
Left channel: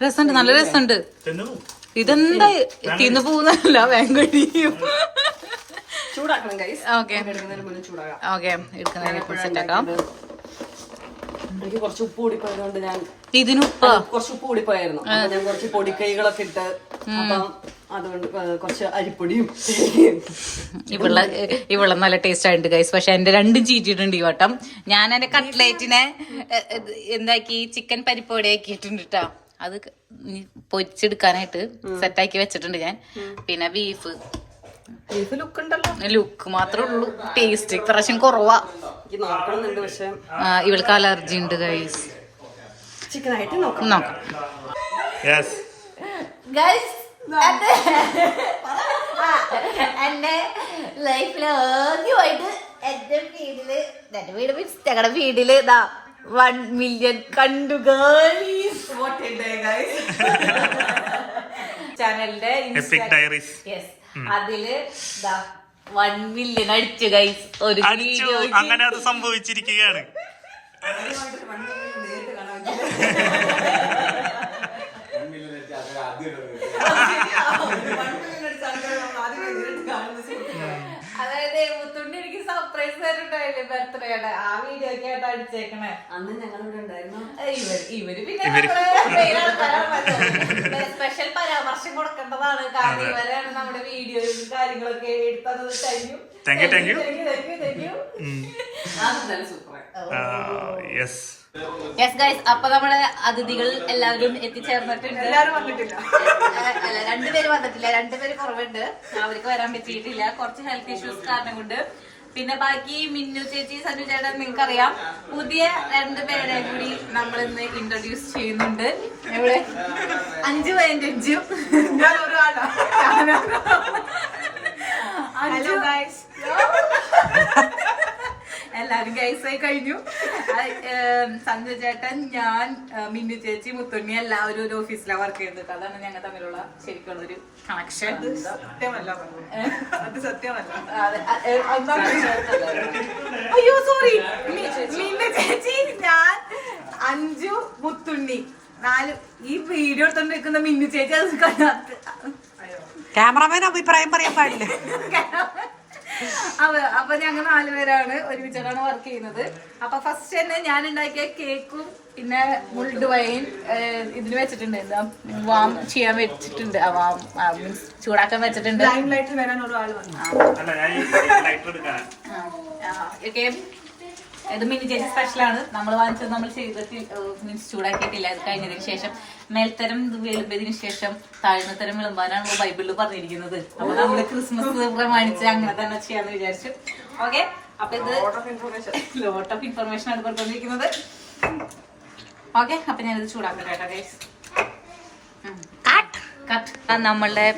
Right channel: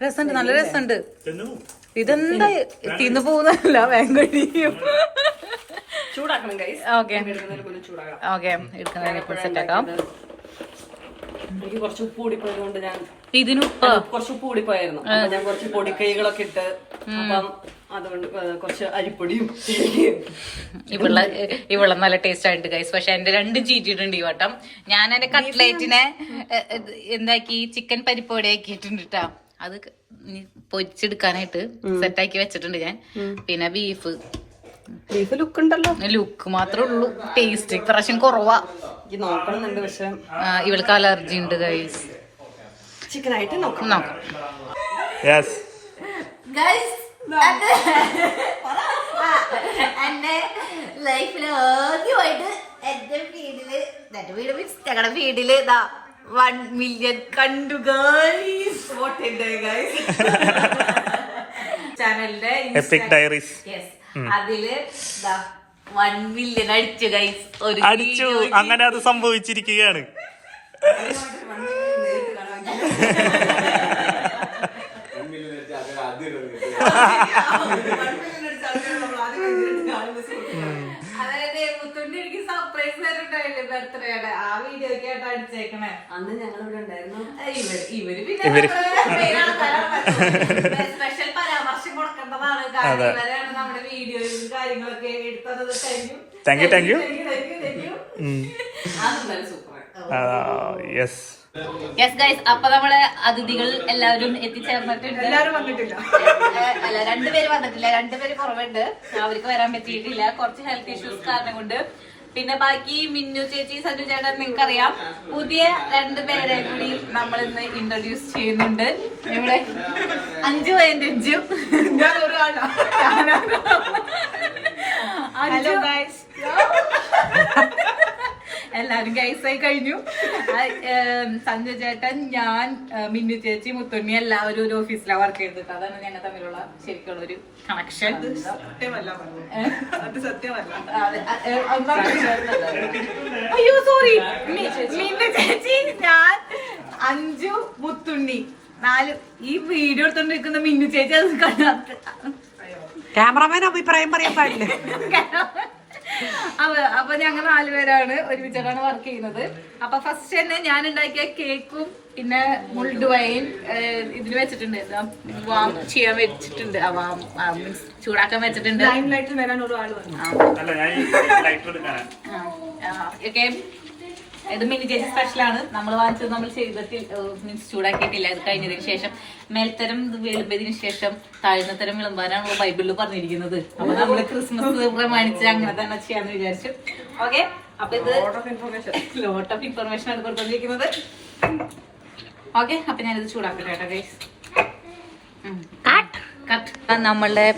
രസമുണ്ട്, നല്ല രസമുണ്ട്. ഇതെന്താ തിന്നു പോകുന്നല്ല, വേഗം ചൂടാക്കണം ഗൈസ്. ഓക്കെ ഓക്കെ, എടുക്കുന്നതിനെ സെറ്റ് ആക്കാം. എനിക്ക് കുറച്ച് ഉപ്പ് കൂടിപ്പോയതുകൊണ്ട് ഞാൻ ഇതിനുപ്പ് കുറച്ച് ഉപ്പ് കൂടിപ്പോയായിരുന്നു. ഞാൻ കുറച്ച് പൊടിക്കൈകളൊക്കെ ഇട്ട്, അപ്പം അതുകൊണ്ട് കുറച്ച് അരിപ്പൊടിയും ഇവിടെ നല്ല ടേസ്റ്റ് ആയിട്ടുണ്ട് ഗൈസ്. പക്ഷെ എന്റെ രണ്ടും ചീറ്റിട്ടുണ്ട് ഈ വട്ടം. ഞാൻ എന്റെ കട്ട്ലേറ്റിനെ എന്താക്കി ചിക്കൻ പരിപ്പോടെ ആക്കിയിട്ടുണ്ട് കേട്ടോ. അത് പൊരിച്ചെടുക്കാനായിട്ട് സെറ്റാക്കി വെച്ചിട്ടുണ്ട് ഞാൻ. പിന്നെ ബീഫ് ലുക്ക് ഉണ്ടല്ലോ, ലുക്ക് മാത്രമേ ഉള്ളൂ, ടേസ്റ്റ് ഇപ്രാവശ്യം കുറവാ. നോക്കണമെന്നുണ്ട്, പക്ഷെ ഇവൾക്ക് അലർജി ഉണ്ട് ഗൈസ്. ചിക്കനായിട്ട് നോക്കാം. എന്റെ ലൈഫില് ആദ്യമായിട്ട് എന്റെ ഞങ്ങളുടെ വീട്ടില് 1 മില്യൺ കണ്ടു ചാനലിന്റെ എപ്പിക് ഡയറീസ്. അതില് 1 മില്യൺ അടിച്ചു ഗൈസ്. അടിച്ചു, അങ്ങനെ അത് സംഭവിച്ചിരിക്കുകയാണ്. അതായത് മുത്തുണ്ണി എനിക്ക് സർപ്രൈസ് തരുന്നുണ്ടായില്ലേ ബർത്ത്ഡേയുടെ, ആ വീഡിയോ ഒക്കെ ആയിട്ട് അടിച്ചേക്കണേ. അന്ന് ഞങ്ങൾ ഇവിടെ ഉണ്ടായിരുന്നു. ഇവര് പിന്നെ സ്പെഷ്യൽ പരാമർശം കൊടുക്കേണ്ടതാണ്, കാരണം ഇവരെയാണ് നമ്മുടെ വീഡിയോയും കാര്യങ്ങളൊക്കെ എടുത്തത്. Thank you. Super. Yes guys, അപ്പൊ നമ്മുടെ അതിഥികൾ എല്ലാവരും എത്തിച്ചേർന്നിട്ടുണ്ട്. എല്ലാരും വന്നിട്ടില്ല, അല്ല 2 പേര് വന്നിട്ടില്ല, 2 പേര് കുറവുണ്ട്. അവർക്ക് വരാൻ പറ്റിയിട്ടില്ല, കുറച്ച് ഹെൽത്ത് ഇഷ്യൂസ് കാരണം കൊണ്ട്. പിന്നെ ബാക്കി മിന്നു ചേച്ചി, സനു ചേട്ടൻ നിങ്ങൾക്കറിയാം. പുതിയ 2 പേരെ കൂടി നമ്മൾ ഇന്ന് ഇൻട്രൊഡ്യൂസ് ചെയ്യുന്നുണ്ട്. ഇവിടെ 5.5 ഞാൻ ഒരാളാ. എല്ലാരും ഗൈസായി കഴിഞ്ഞു. സഞ്ജു ചേട്ടൻ, ഞാൻ, മിന്നു ചേച്ചി, മുത്തുണ്ണി എല്ലാവരും ഒരു ഓഫീസിലാണ് വർക്ക് ചെയ്തത്. അതാണ് ഞങ്ങൾ തമ്മിലുള്ള ശരിക്കുള്ള ഒരു കണക്ഷൻ. അയ്യോ സോറി, മിന്നു ചേച്ചി, ഞാൻ, അഞ്ചു, മുത്തുണ്ണി 4. ഈ വീഡിയോ എടുത്തോണ്ടിരിക്കുന്ന മിന്നു ചേച്ചി അത് ക്യാമറമാൻ അഭിപ്രായം പറയാൻ പാടില്ല. അപ്പൊ ഞങ്ങൾ 4 പേരാണ് ഒരുമിച്ചാണ് വർക്ക് ചെയ്യുന്നത്. അപ്പൊ ഫസ്റ്റ് തന്നെ ഞാൻ ഉണ്ടാക്കിയ കേക്കും പിന്നെ മുൾഡ് വൈൻ ഇതിന് വെച്ചിട്ടുണ്ട്, എന്താ വാം ചെയ്യാൻ വെച്ചിട്ടുണ്ട്, മീൻസ് ചൂടാക്കാൻ വെച്ചിട്ടുണ്ട്. ഇത് മിനി ചേച്ചി സ്പെഷ്യലാണ്. നമ്മൾ വാങ്ങിച്ചത് നമ്മൾ ചെയ്തിട്ട് മീൻസ് ചൂടാക്കിയിട്ടില്ല. ഇത് കഴിഞ്ഞതിന് ശേഷം മേൽത്തരം വിളമ്പതിന് ശേഷം താഴ്ന്നത്തരം വിളമ്പാനാണ് ബൈബിളിൽ പറഞ്ഞിരിക്കുന്നത്. അപ്പൊ നമ്മള് ക്രിസ്മസ് പ്രമാണിച്ച് അങ്ങനെ തന്നെ ചെയ്യാന്ന് വിചാരിച്ചു. ഓക്കെ, അപ്പൊ ഇത് ലോട്ട് ഓഫ് ഇൻഫർമേഷൻ ആണ് കൊടുത്തോണ്ടിരിക്കുന്നത്. ഓക്കെ, അപ്പൊ ഞാനിത് ചൂടാക്കട്ടെ കേട്ടോ ഗൈസ്. നമ്മളുടെ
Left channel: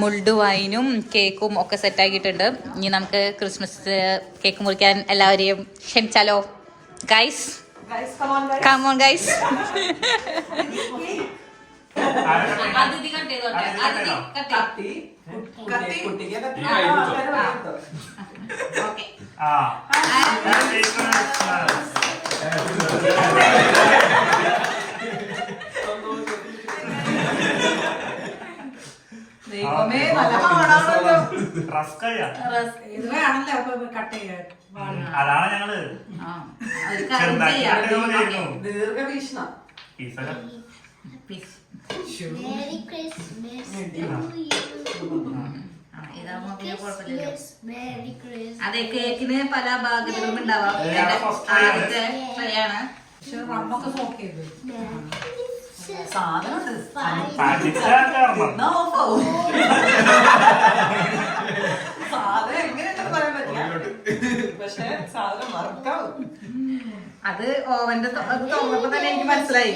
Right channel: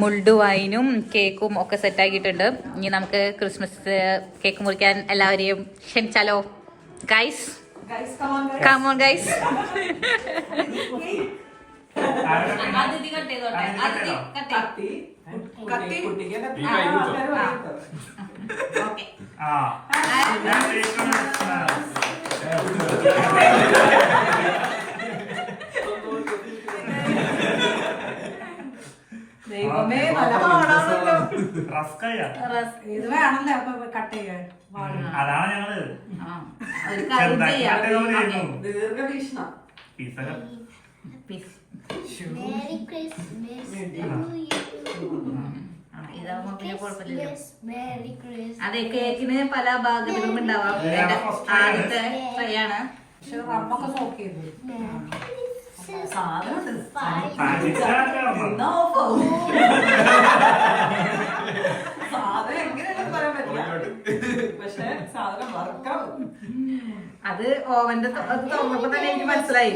മുൾഡ് വൈനും കേക്കും ഒക്കെ സെറ്റാക്കിയിട്ടുണ്ട്. ഇനി നമുക്ക് ക്രിസ്മസ് കേക്ക് മുറിക്കാൻ എല്ലാവരെയും ക്ഷണിച്ചാലോ ഗൈസ്? Come on guys. അതിഥി കട്ട് ചെയ്തോട്ടെ. അതിഥി കട്ട് ഓക്കെ. ദൈവമേ, നല്ല പാടാണല്ലോ. ഇത് വേണല്ലോ കട്ട് ചെയ്യാൻ. അതാണ് ഞങ്ങള് ഒരു കാര്യം ചെയ്യാം. ദീർഘവീക്ഷണ അതെ, കേക്കിന് പല ഭാഗങ്ങളും ഉണ്ടാവാം. ആദ്യത്തെ ട്രൈ ആണ്. റമ്മൊക്കെ സോക്ക് ചെയ്ത് സാധനം എങ്ങനെയാണെന്ന് പറയാൻ പറ്റില്ല, പക്ഷെ സാധനം വർക്കാവും. അത് ഓവന്റെ അത് തുറന്നപ്പോ തന്നെ എനിക്ക് മനസ്സിലായി.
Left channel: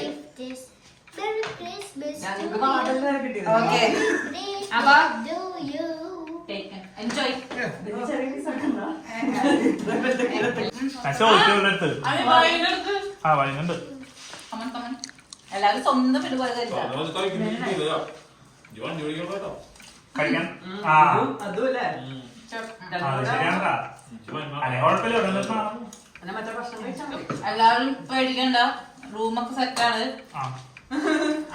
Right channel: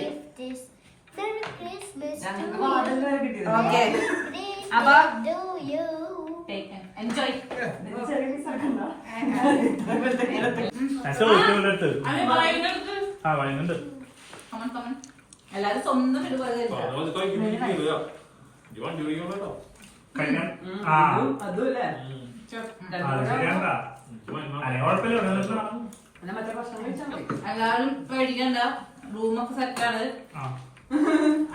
ഓക്കെ, അപ്പൊ എൻജോയ്. എല്ലാരും സ്വന്തം വീട് പോലെ അതുമല്ലേ മറ്റേ ഭക്ഷണം കഴിച്ചാൽ മതി. എല്ലാവരും പേടിക്കണ്ട, റൂമൊക്കെ സെറ്റാണ്.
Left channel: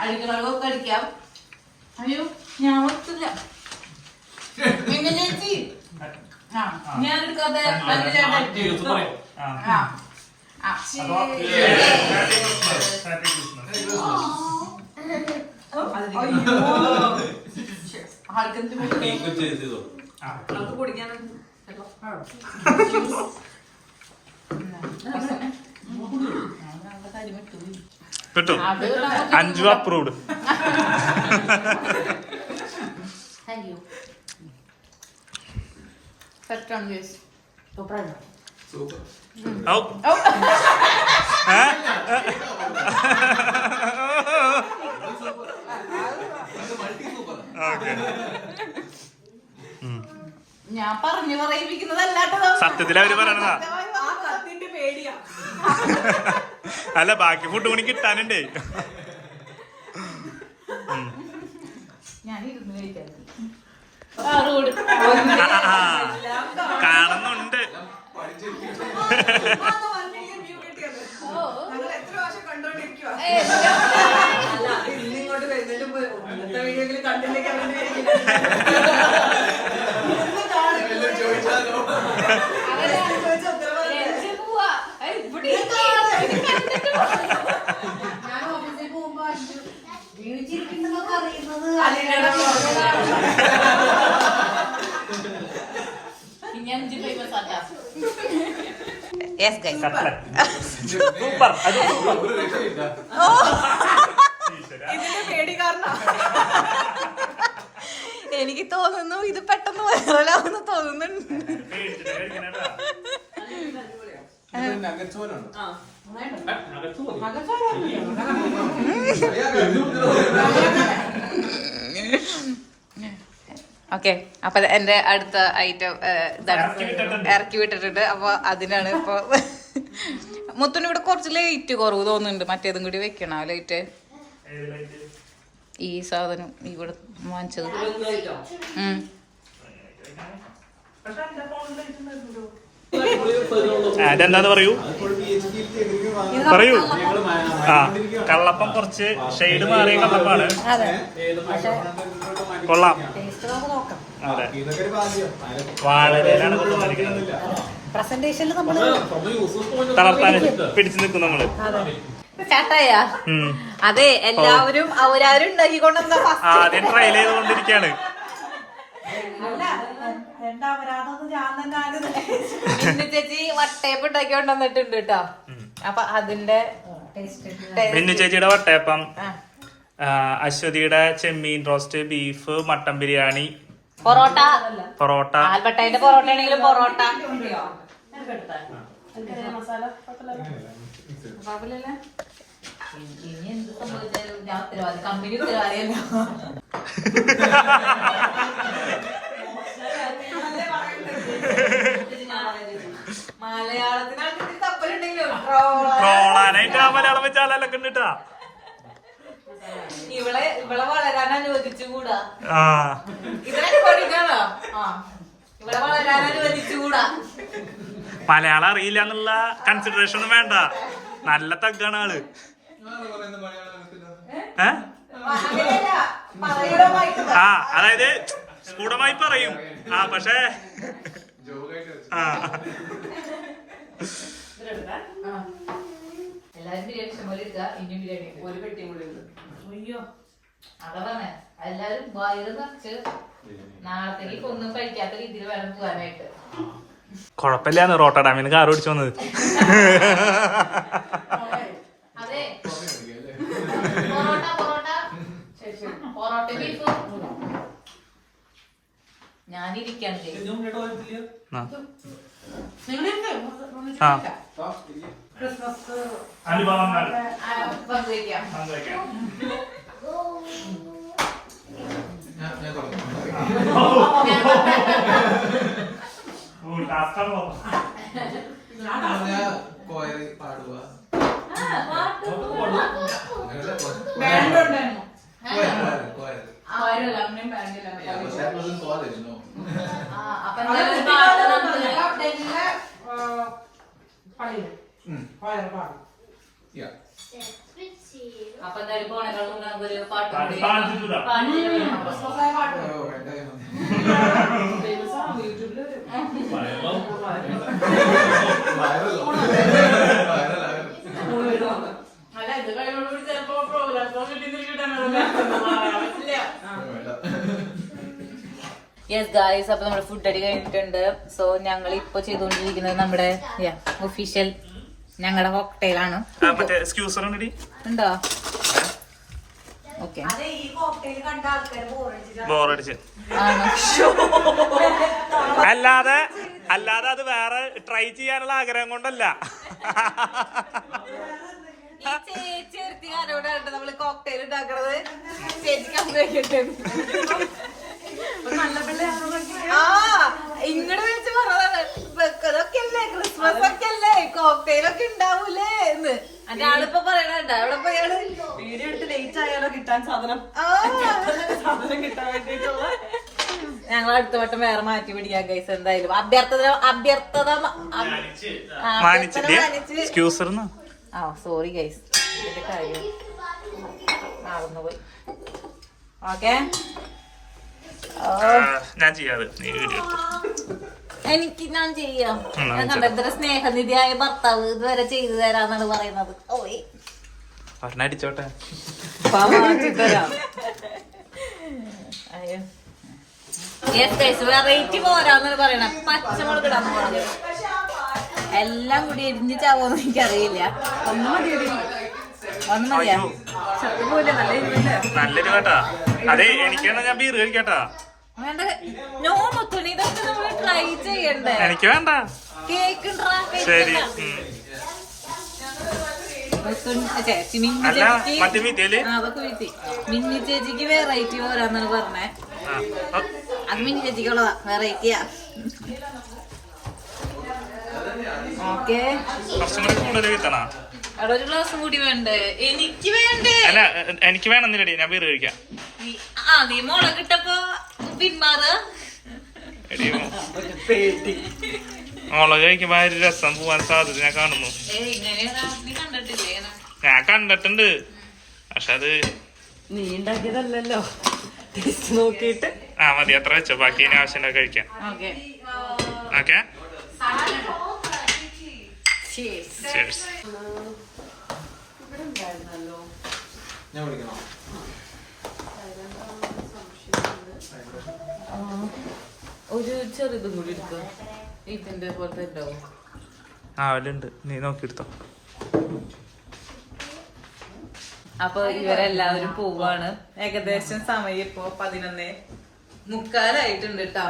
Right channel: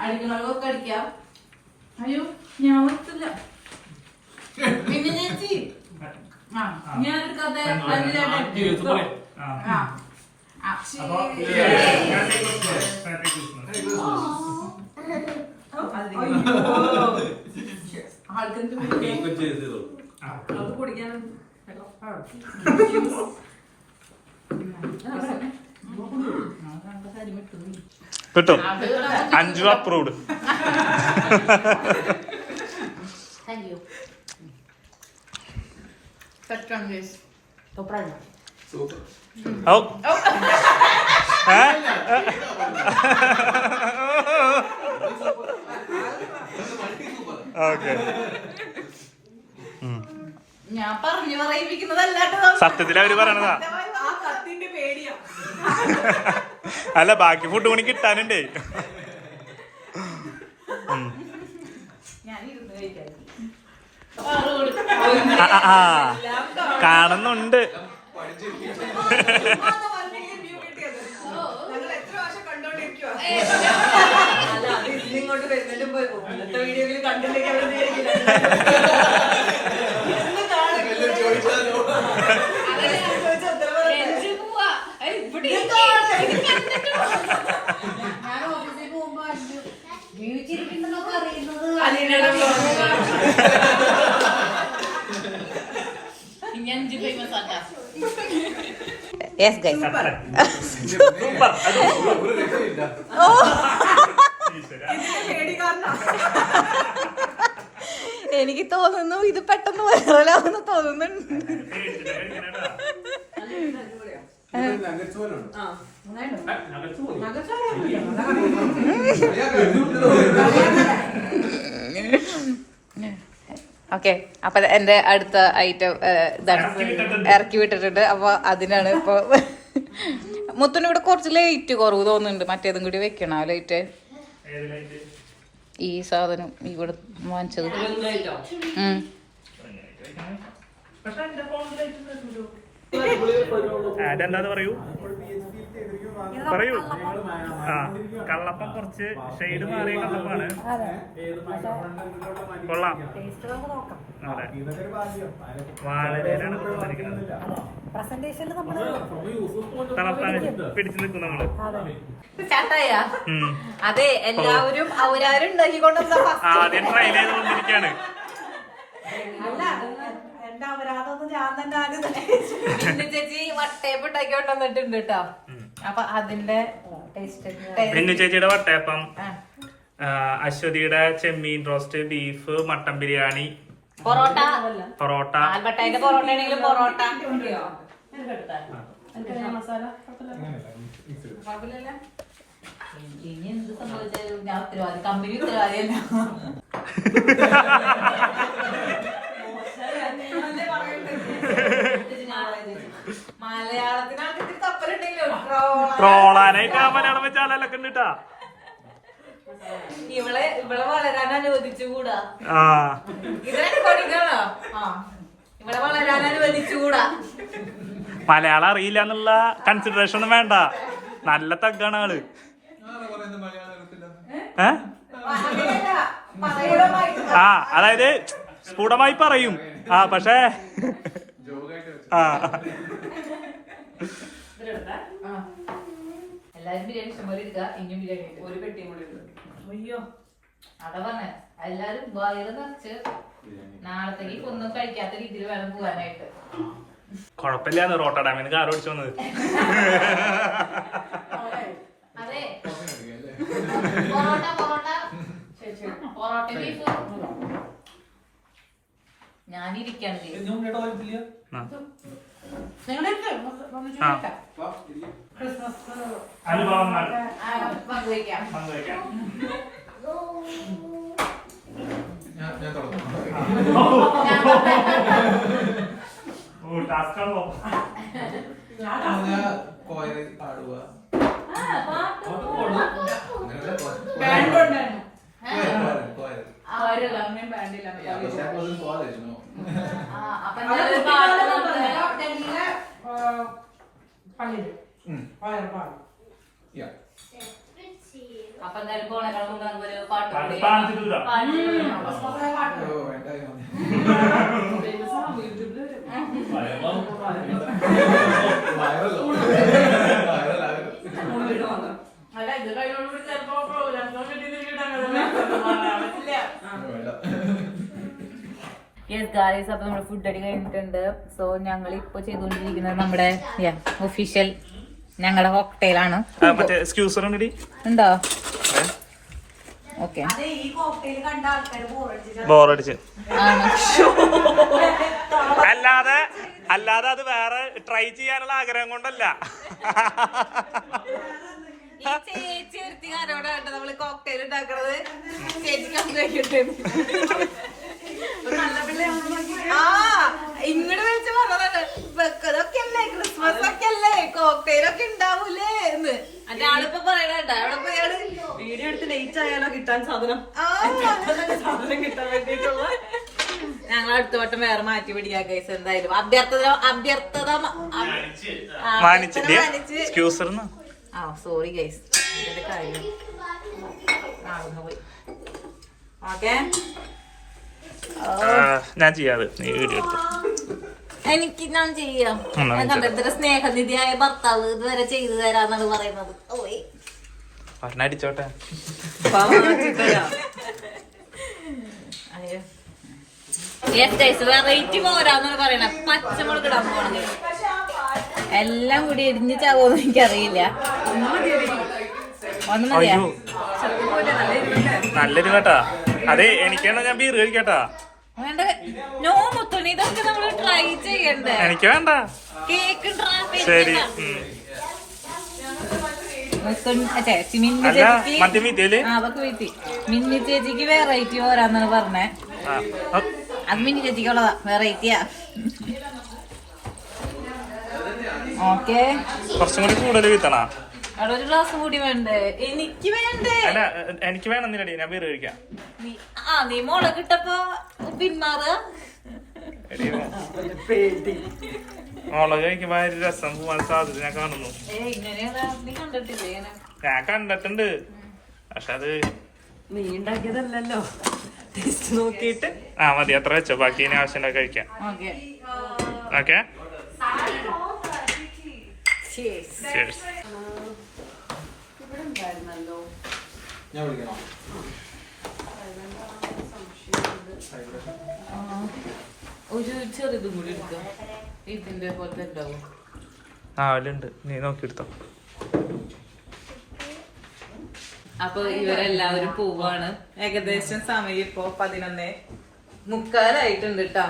അടിക്കണവർക്കൊക്കെ അടിക്കാം. അയ്യോ ഞാൻ ഓർത്തില്ല. പിന്നെ ചേച്ചി ഞാൻ എടുക്കാതെ കിട്ടും. 5 അപ്രൂവ്ഡ്. Thank you. ഓക്കെ, ഞാൻ പറഞ്ഞു പറയിപ്പിക്കുന്നതല്ലാട്ടോ. സത്യത്തിൽ അവര് പറയണതാ. അല്ല, ബാക്കി ഫുഡ് പണി കിട്ടാനുണ്ടേ. കാണുന്നുണ്ട്. വീഡിയോയിൽ കണ്ടില്ലെങ്കിൽ യെസ് ഗൈസ്. എനിക്ക് തോന്നുന്നു ഇത് പെട്ടെന്ന് വരാമെന്ന് തോന്നുന്നുണ്ട്. ഓക്കെ, അപ്പൊ എന്റെ അടുത്ത ഐറ്റം ഇതാണ്, ഇറക്കി വിട്ടിട്ടുണ്ട്. അപ്പൊ അതിനാണ് ഇപ്പൊ മുത്തിന് ഇവിടെ കുറച്ച് ലൈറ്റ് കുറവ് തോന്നുന്നുണ്ട്. മറ്റേതും കൂടി വെക്കണോ ലൈറ്റ്? ഈ സാധനം ഇവിടെ വാങ്ങിച്ചത്. അതെന്താന്ന് പറയൂ പറയൂ. ആ, കള്ളപ്പം കുറച്ച് ഷെയ്ഡ് മാറിയ കള്ളപ്പാണ്. കൊള്ളാം. അതെ, വാഴയിലാണ് കൊണ്ടുവന്നിരിക്കുന്നത്. തളർത്താൻ പിടിച്ചു നിൽക്കും നമ്മള്. അതെ, എല്ലാവരും അവരാരും ഉണ്ടാക്കിക്കൊണ്ടുവന്ന ആദ്യം ട്രയൽ ചെയ്തുകൊണ്ടിരിക്കുകയാണ്. ചേച്ചി വട്ടയപ്പം ഉണ്ടാക്കിക്കൊണ്ടുവന്നിട്ടുണ്ട് കേട്ടോ. അപ്പൊ അതിന്റെ മിന്നു ചേച്ചിയുടെ വട്ടയപ്പം, അശ്വതിയുടെ ചെമ്മീൻ roast, beef, mutton biryani, parotta. ആൽബർട്ടൈന്റെ പൊറോട്ട ആണെങ്കിലും പൊറോട്ട. ഇനി എന്ത് സംഭവിച്ചാലും ഞാൻ ഉത്തരവാദി, കമ്പനി ഉത്തരവാദിയല്ല. മലയാളത്തിനാണ് കപ്പലുണ്ടെങ്കിലോ ട്രോളാനായിട്ട് ആ മലയാളം വെച്ചാലൊക്കെ ഉണ്ട് കേട്ടാ. ഇവിടെ വളരാൻ അനുവദിച്ചുകൂടാ. ആ, ഇതിനാണ് പഠിക്കണോ? ഇവിടെ വളരാൻ അനുവദിച്ചുകൂടാ. മലയാളം അറിയില്ല എന്നുള്ള കൺസിഡറേഷൻ ഒന്നും വേണ്ട. നല്ല തഗ്ഗാണ് ആള്. ആ, അതായത് സ്ഫുടമായി പറയും. ആ, പക്ഷേ ആ, എല്ലാരും ബിരിയാണി ഇഷ്ടംപോലെ എടുക്കുക. ഇനിയും ബിരിയാണി ഒരു പെട്ടിയും കൂടി ഉണ്ട്. അയ്യോ, അതാ പറഞ്ഞേ, എല്ലാരും വയറ് നിറച്ച് നാളത്തേക്ക് ഒന്നും കഴിക്കാത്ത രീതിയിൽ വേണം പോകാനായിട്ട്. കൊഴപ്പില്ലാന്ന് റോട്ട ഡാമിന് കാർ ഓടിച്ചു വന്നത്. അതെ, പൊറോട്ട പൊറോട്ട ബീഫ് ഞാനിരിക്കാണ്. അനുഭവങ്ങൾ പങ്കുവയ്ക്കാം. അപ്പൊ എന്തായാലും പോണേക്കാളും മുമ്പ് ഒരു പാട്ട് അല്ല, ഇത് കഴിയുമ്പോഴും ചിലപ്പോ യെസ് ഗായ്സ്, അപ്പൊ നമ്മുടെ ഫുഡ് അടി കഴിഞ്ഞിട്ടുണ്ട്. സോ ഞങ്ങൾ ഇപ്പൊ ചെയ്തുകൊണ്ടിരിക്കുന്നത് നമ്മുടെ ഒഫീഷ്യൽ ഞങ്ങളുടെ കോക്ടെയിലാണ്. ഉണ്ടോ? ഓക്കെ, ബോറടിച്ച് അല്ലാതെ അത് വേറെ ട്രൈ ചെയ്യാനുള്ള ആഗ്രഹം കൊണ്ടല്ല. ചേച്ചി ഒരുത്തി ആരോടാണ് നമ്മള് കോക്ടെയിൽ ഉണ്ടാക്കണത്. ചേച്ചിക്ക് ഇങ്ങോട്ട് വെച്ച് പറഞ്ഞതാണ്, വെക്കതൊക്കെ അല്ലേ, ക്രിസ്മസ് ഒക്കെ അല്ലേ, കോക്ടെയിലൊക്കെ ഉണ്ടാവൂലേ എന്ന്. അതിന്റെ ആളിപ്പോ പറയണുണ്ട്. അവിടെ പോയാള് വീഡിയോ എടുത്ത് ലേറ്റ് ആയാലോ കിട്ടാൻ സാധനം കിട്ടാൻ വേണ്ടിട്ടുള്ള. ഞങ്ങൾ അടുത്ത വട്ടം വേറെ മാറ്റി പിടിക്കാം കേസ്. എന്തായാലും അഭ്യർത്ഥത സോറി ഗൈസ്, ഇതിന്റെ കാര്യം നടന്നു പോയി. ഓക്കെ, ഞാൻ ചെയ്യാതെ നീ വീഡിയോ എടുത്തു. എനിക്ക് ഞാൻ ചെയ്യാം. ഇത്ര സ്നേഹനിധിയായ ഭർത്താവ് ഇതുവരെ ചെയ്തു തരാന്നാണ് പറയുന്നത്. ഓയ് അടിച്ചോട്ടെ. വെറൈറ്റി പോരാന്നാണ് പറയണേ. പച്ചമുളക് ഇടാൻ പോണത് എല്ലാം കൂടി എരിഞ്ഞ് ചാവോന്ന് എനിക്കറിയില്ല. ഒന്നും മതിയാ? നല്ലൊരു കേട്ടാ. അതെ, എനിക്കാണോ ഞാൻ ബീർ കഴിക്കട്ടാ? വേണ്ട, നോ മുത്തുണി, ഇതൊക്കെ നമ്മള് ട്രൈ ചെയ്യണ്ടേ? എനിക്ക് വേണ്ട. കേക്ക് ശരി. മിന്നി ചേച്ചിക്ക് വെറൈറ്റി പോരാന്നാണ് പറഞ്ഞേ. അത് മിനി ചേച്ചിക്കുള്ളതാ, വെറൈറ്റിയാ. ഓക്കെ, കുറച്ചും കൂടി കൂടുതൽ വീത്തണ. അവിടെ ഒരു ഗ്ലാസും കൂടി വേണ്ടേ? എനിക്ക് വേണ്ടേ? അല്ല എനിക്ക് വേണമെന്നില്ലടി, ഞാൻ ബീർ കഴിക്കാം. നീ മുളക് ഇട്ടപ്പോ പിന്മാറാ. എടി മുളക് കഴിക്കുമ്പോ ആ ഒരു രസം പോവാൻ സാധ്യത ഞാൻ കാണുന്നു. കണ്ടിട്ടില്ലേ? ഞാൻ കണ്ടിട്ടുണ്ട്, പക്ഷെ അത് നീ ഉണ്ടാക്കിയതല്ലോ, ടേസ്റ്റ് നോക്കിയിട്ട്. മതി, അത്ര വെച്ചോ, ബാക്കി ഇനി ആവശ്യം കഴിക്കാം. Okay, okay, cheers. cheers. ഒരു ചെറുതും കൂടി എടുക്കാം, ഇതിന്റെ പോലത്തെ ഉണ്ടാവും. അതിലുണ്ട്, നീ നോക്കിയെടുത്തോ. അപ്പൊ ഇവരെല്ലാവരും പോവാണ്. ഏകദേശം സമയം ഇപ്പൊ 11:45 കേട്ടോ.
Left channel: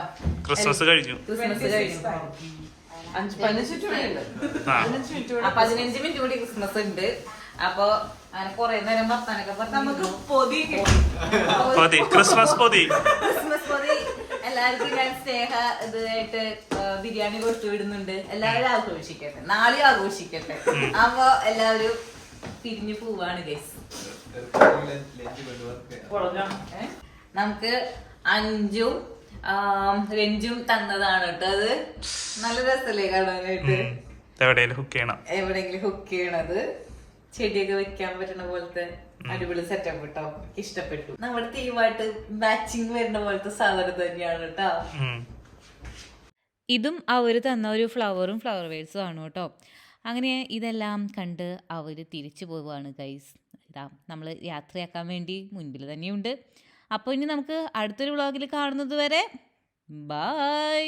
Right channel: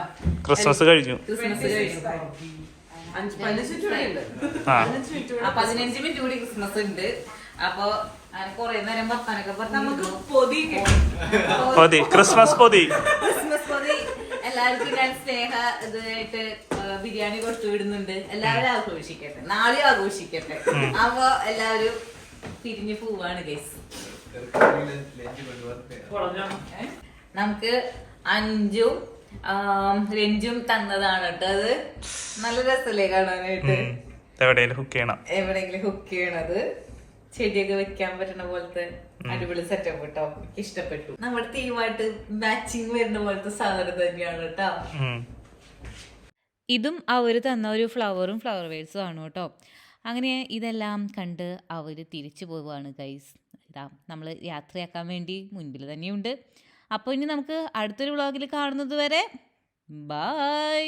ക്രിസ്മസ് കഴിഞ്ഞു. ക്രിസ്മസ് കഴിഞ്ഞു. 15 മിനിറ്റ് കൂടി ക്രിസ്മസ് ഉണ്ട്. അപ്പൊ കൊറേ നേരം വർത്താനൊക്കെ പറഞ്ഞ് നമുക്ക് പൊതി ക്രിസ്മസ് പൊതി എല്ലാവർക്കും ഞാൻ സ്നേഹ ഇതായിട്ട് ബിരിയാണി കൊടുത്തു വിടുന്നുണ്ട്. എല്ലാവരും ആഘോഷിക്കട്ടെ, നാളെ ആഘോഷിക്കട്ടെ. അപ്പൊ എല്ലാവരും പിരിഞ്ഞു പോവാണ് ഗൈസ്. നമുക്ക് 5ഉം രഞ്ജും തന്നതാണ് കേട്ടോ. അത് നല്ല രസമല്ലേ കാണാനായിട്ട്. എവിടെയെങ്കിലും ഹുക്ക് ചെയ്യണത്, ചെടിയൊക്കെ വെക്കാൻ പറ്റുന്ന പോലത്തെ അടിപൊളി സെറ്റപ്പ് കേട്ടോ. ഇഷ്ടപ്പെട്ടു. നമ്മുടെ തീമായിട്ട് മാച്ചിങ് വരുന്ന പോലത്തെ സാധനം തന്നെയാണ് കേട്ടോ. ഇതും അവർ തന്ന ഒരു ഫ്ലവറും ഫ്ലവർ വേഴ്സും ആണ് കേട്ടോ. അങ്ങനെ ഇതെല്ലാം കണ്ട് അവർ തിരിച്ചു പോവുകയാണ് ഗൈസ്. ഇതാ നമ്മൾ യാത്രയാക്കാൻ വേണ്ടി മുൻപിൽ തന്നെയുണ്ട്. അപ്പോൾ ഇനി നമുക്ക് അടുത്തൊരു വ്ളോഗിൽ കാണുന്നത് വരെ ബൈ.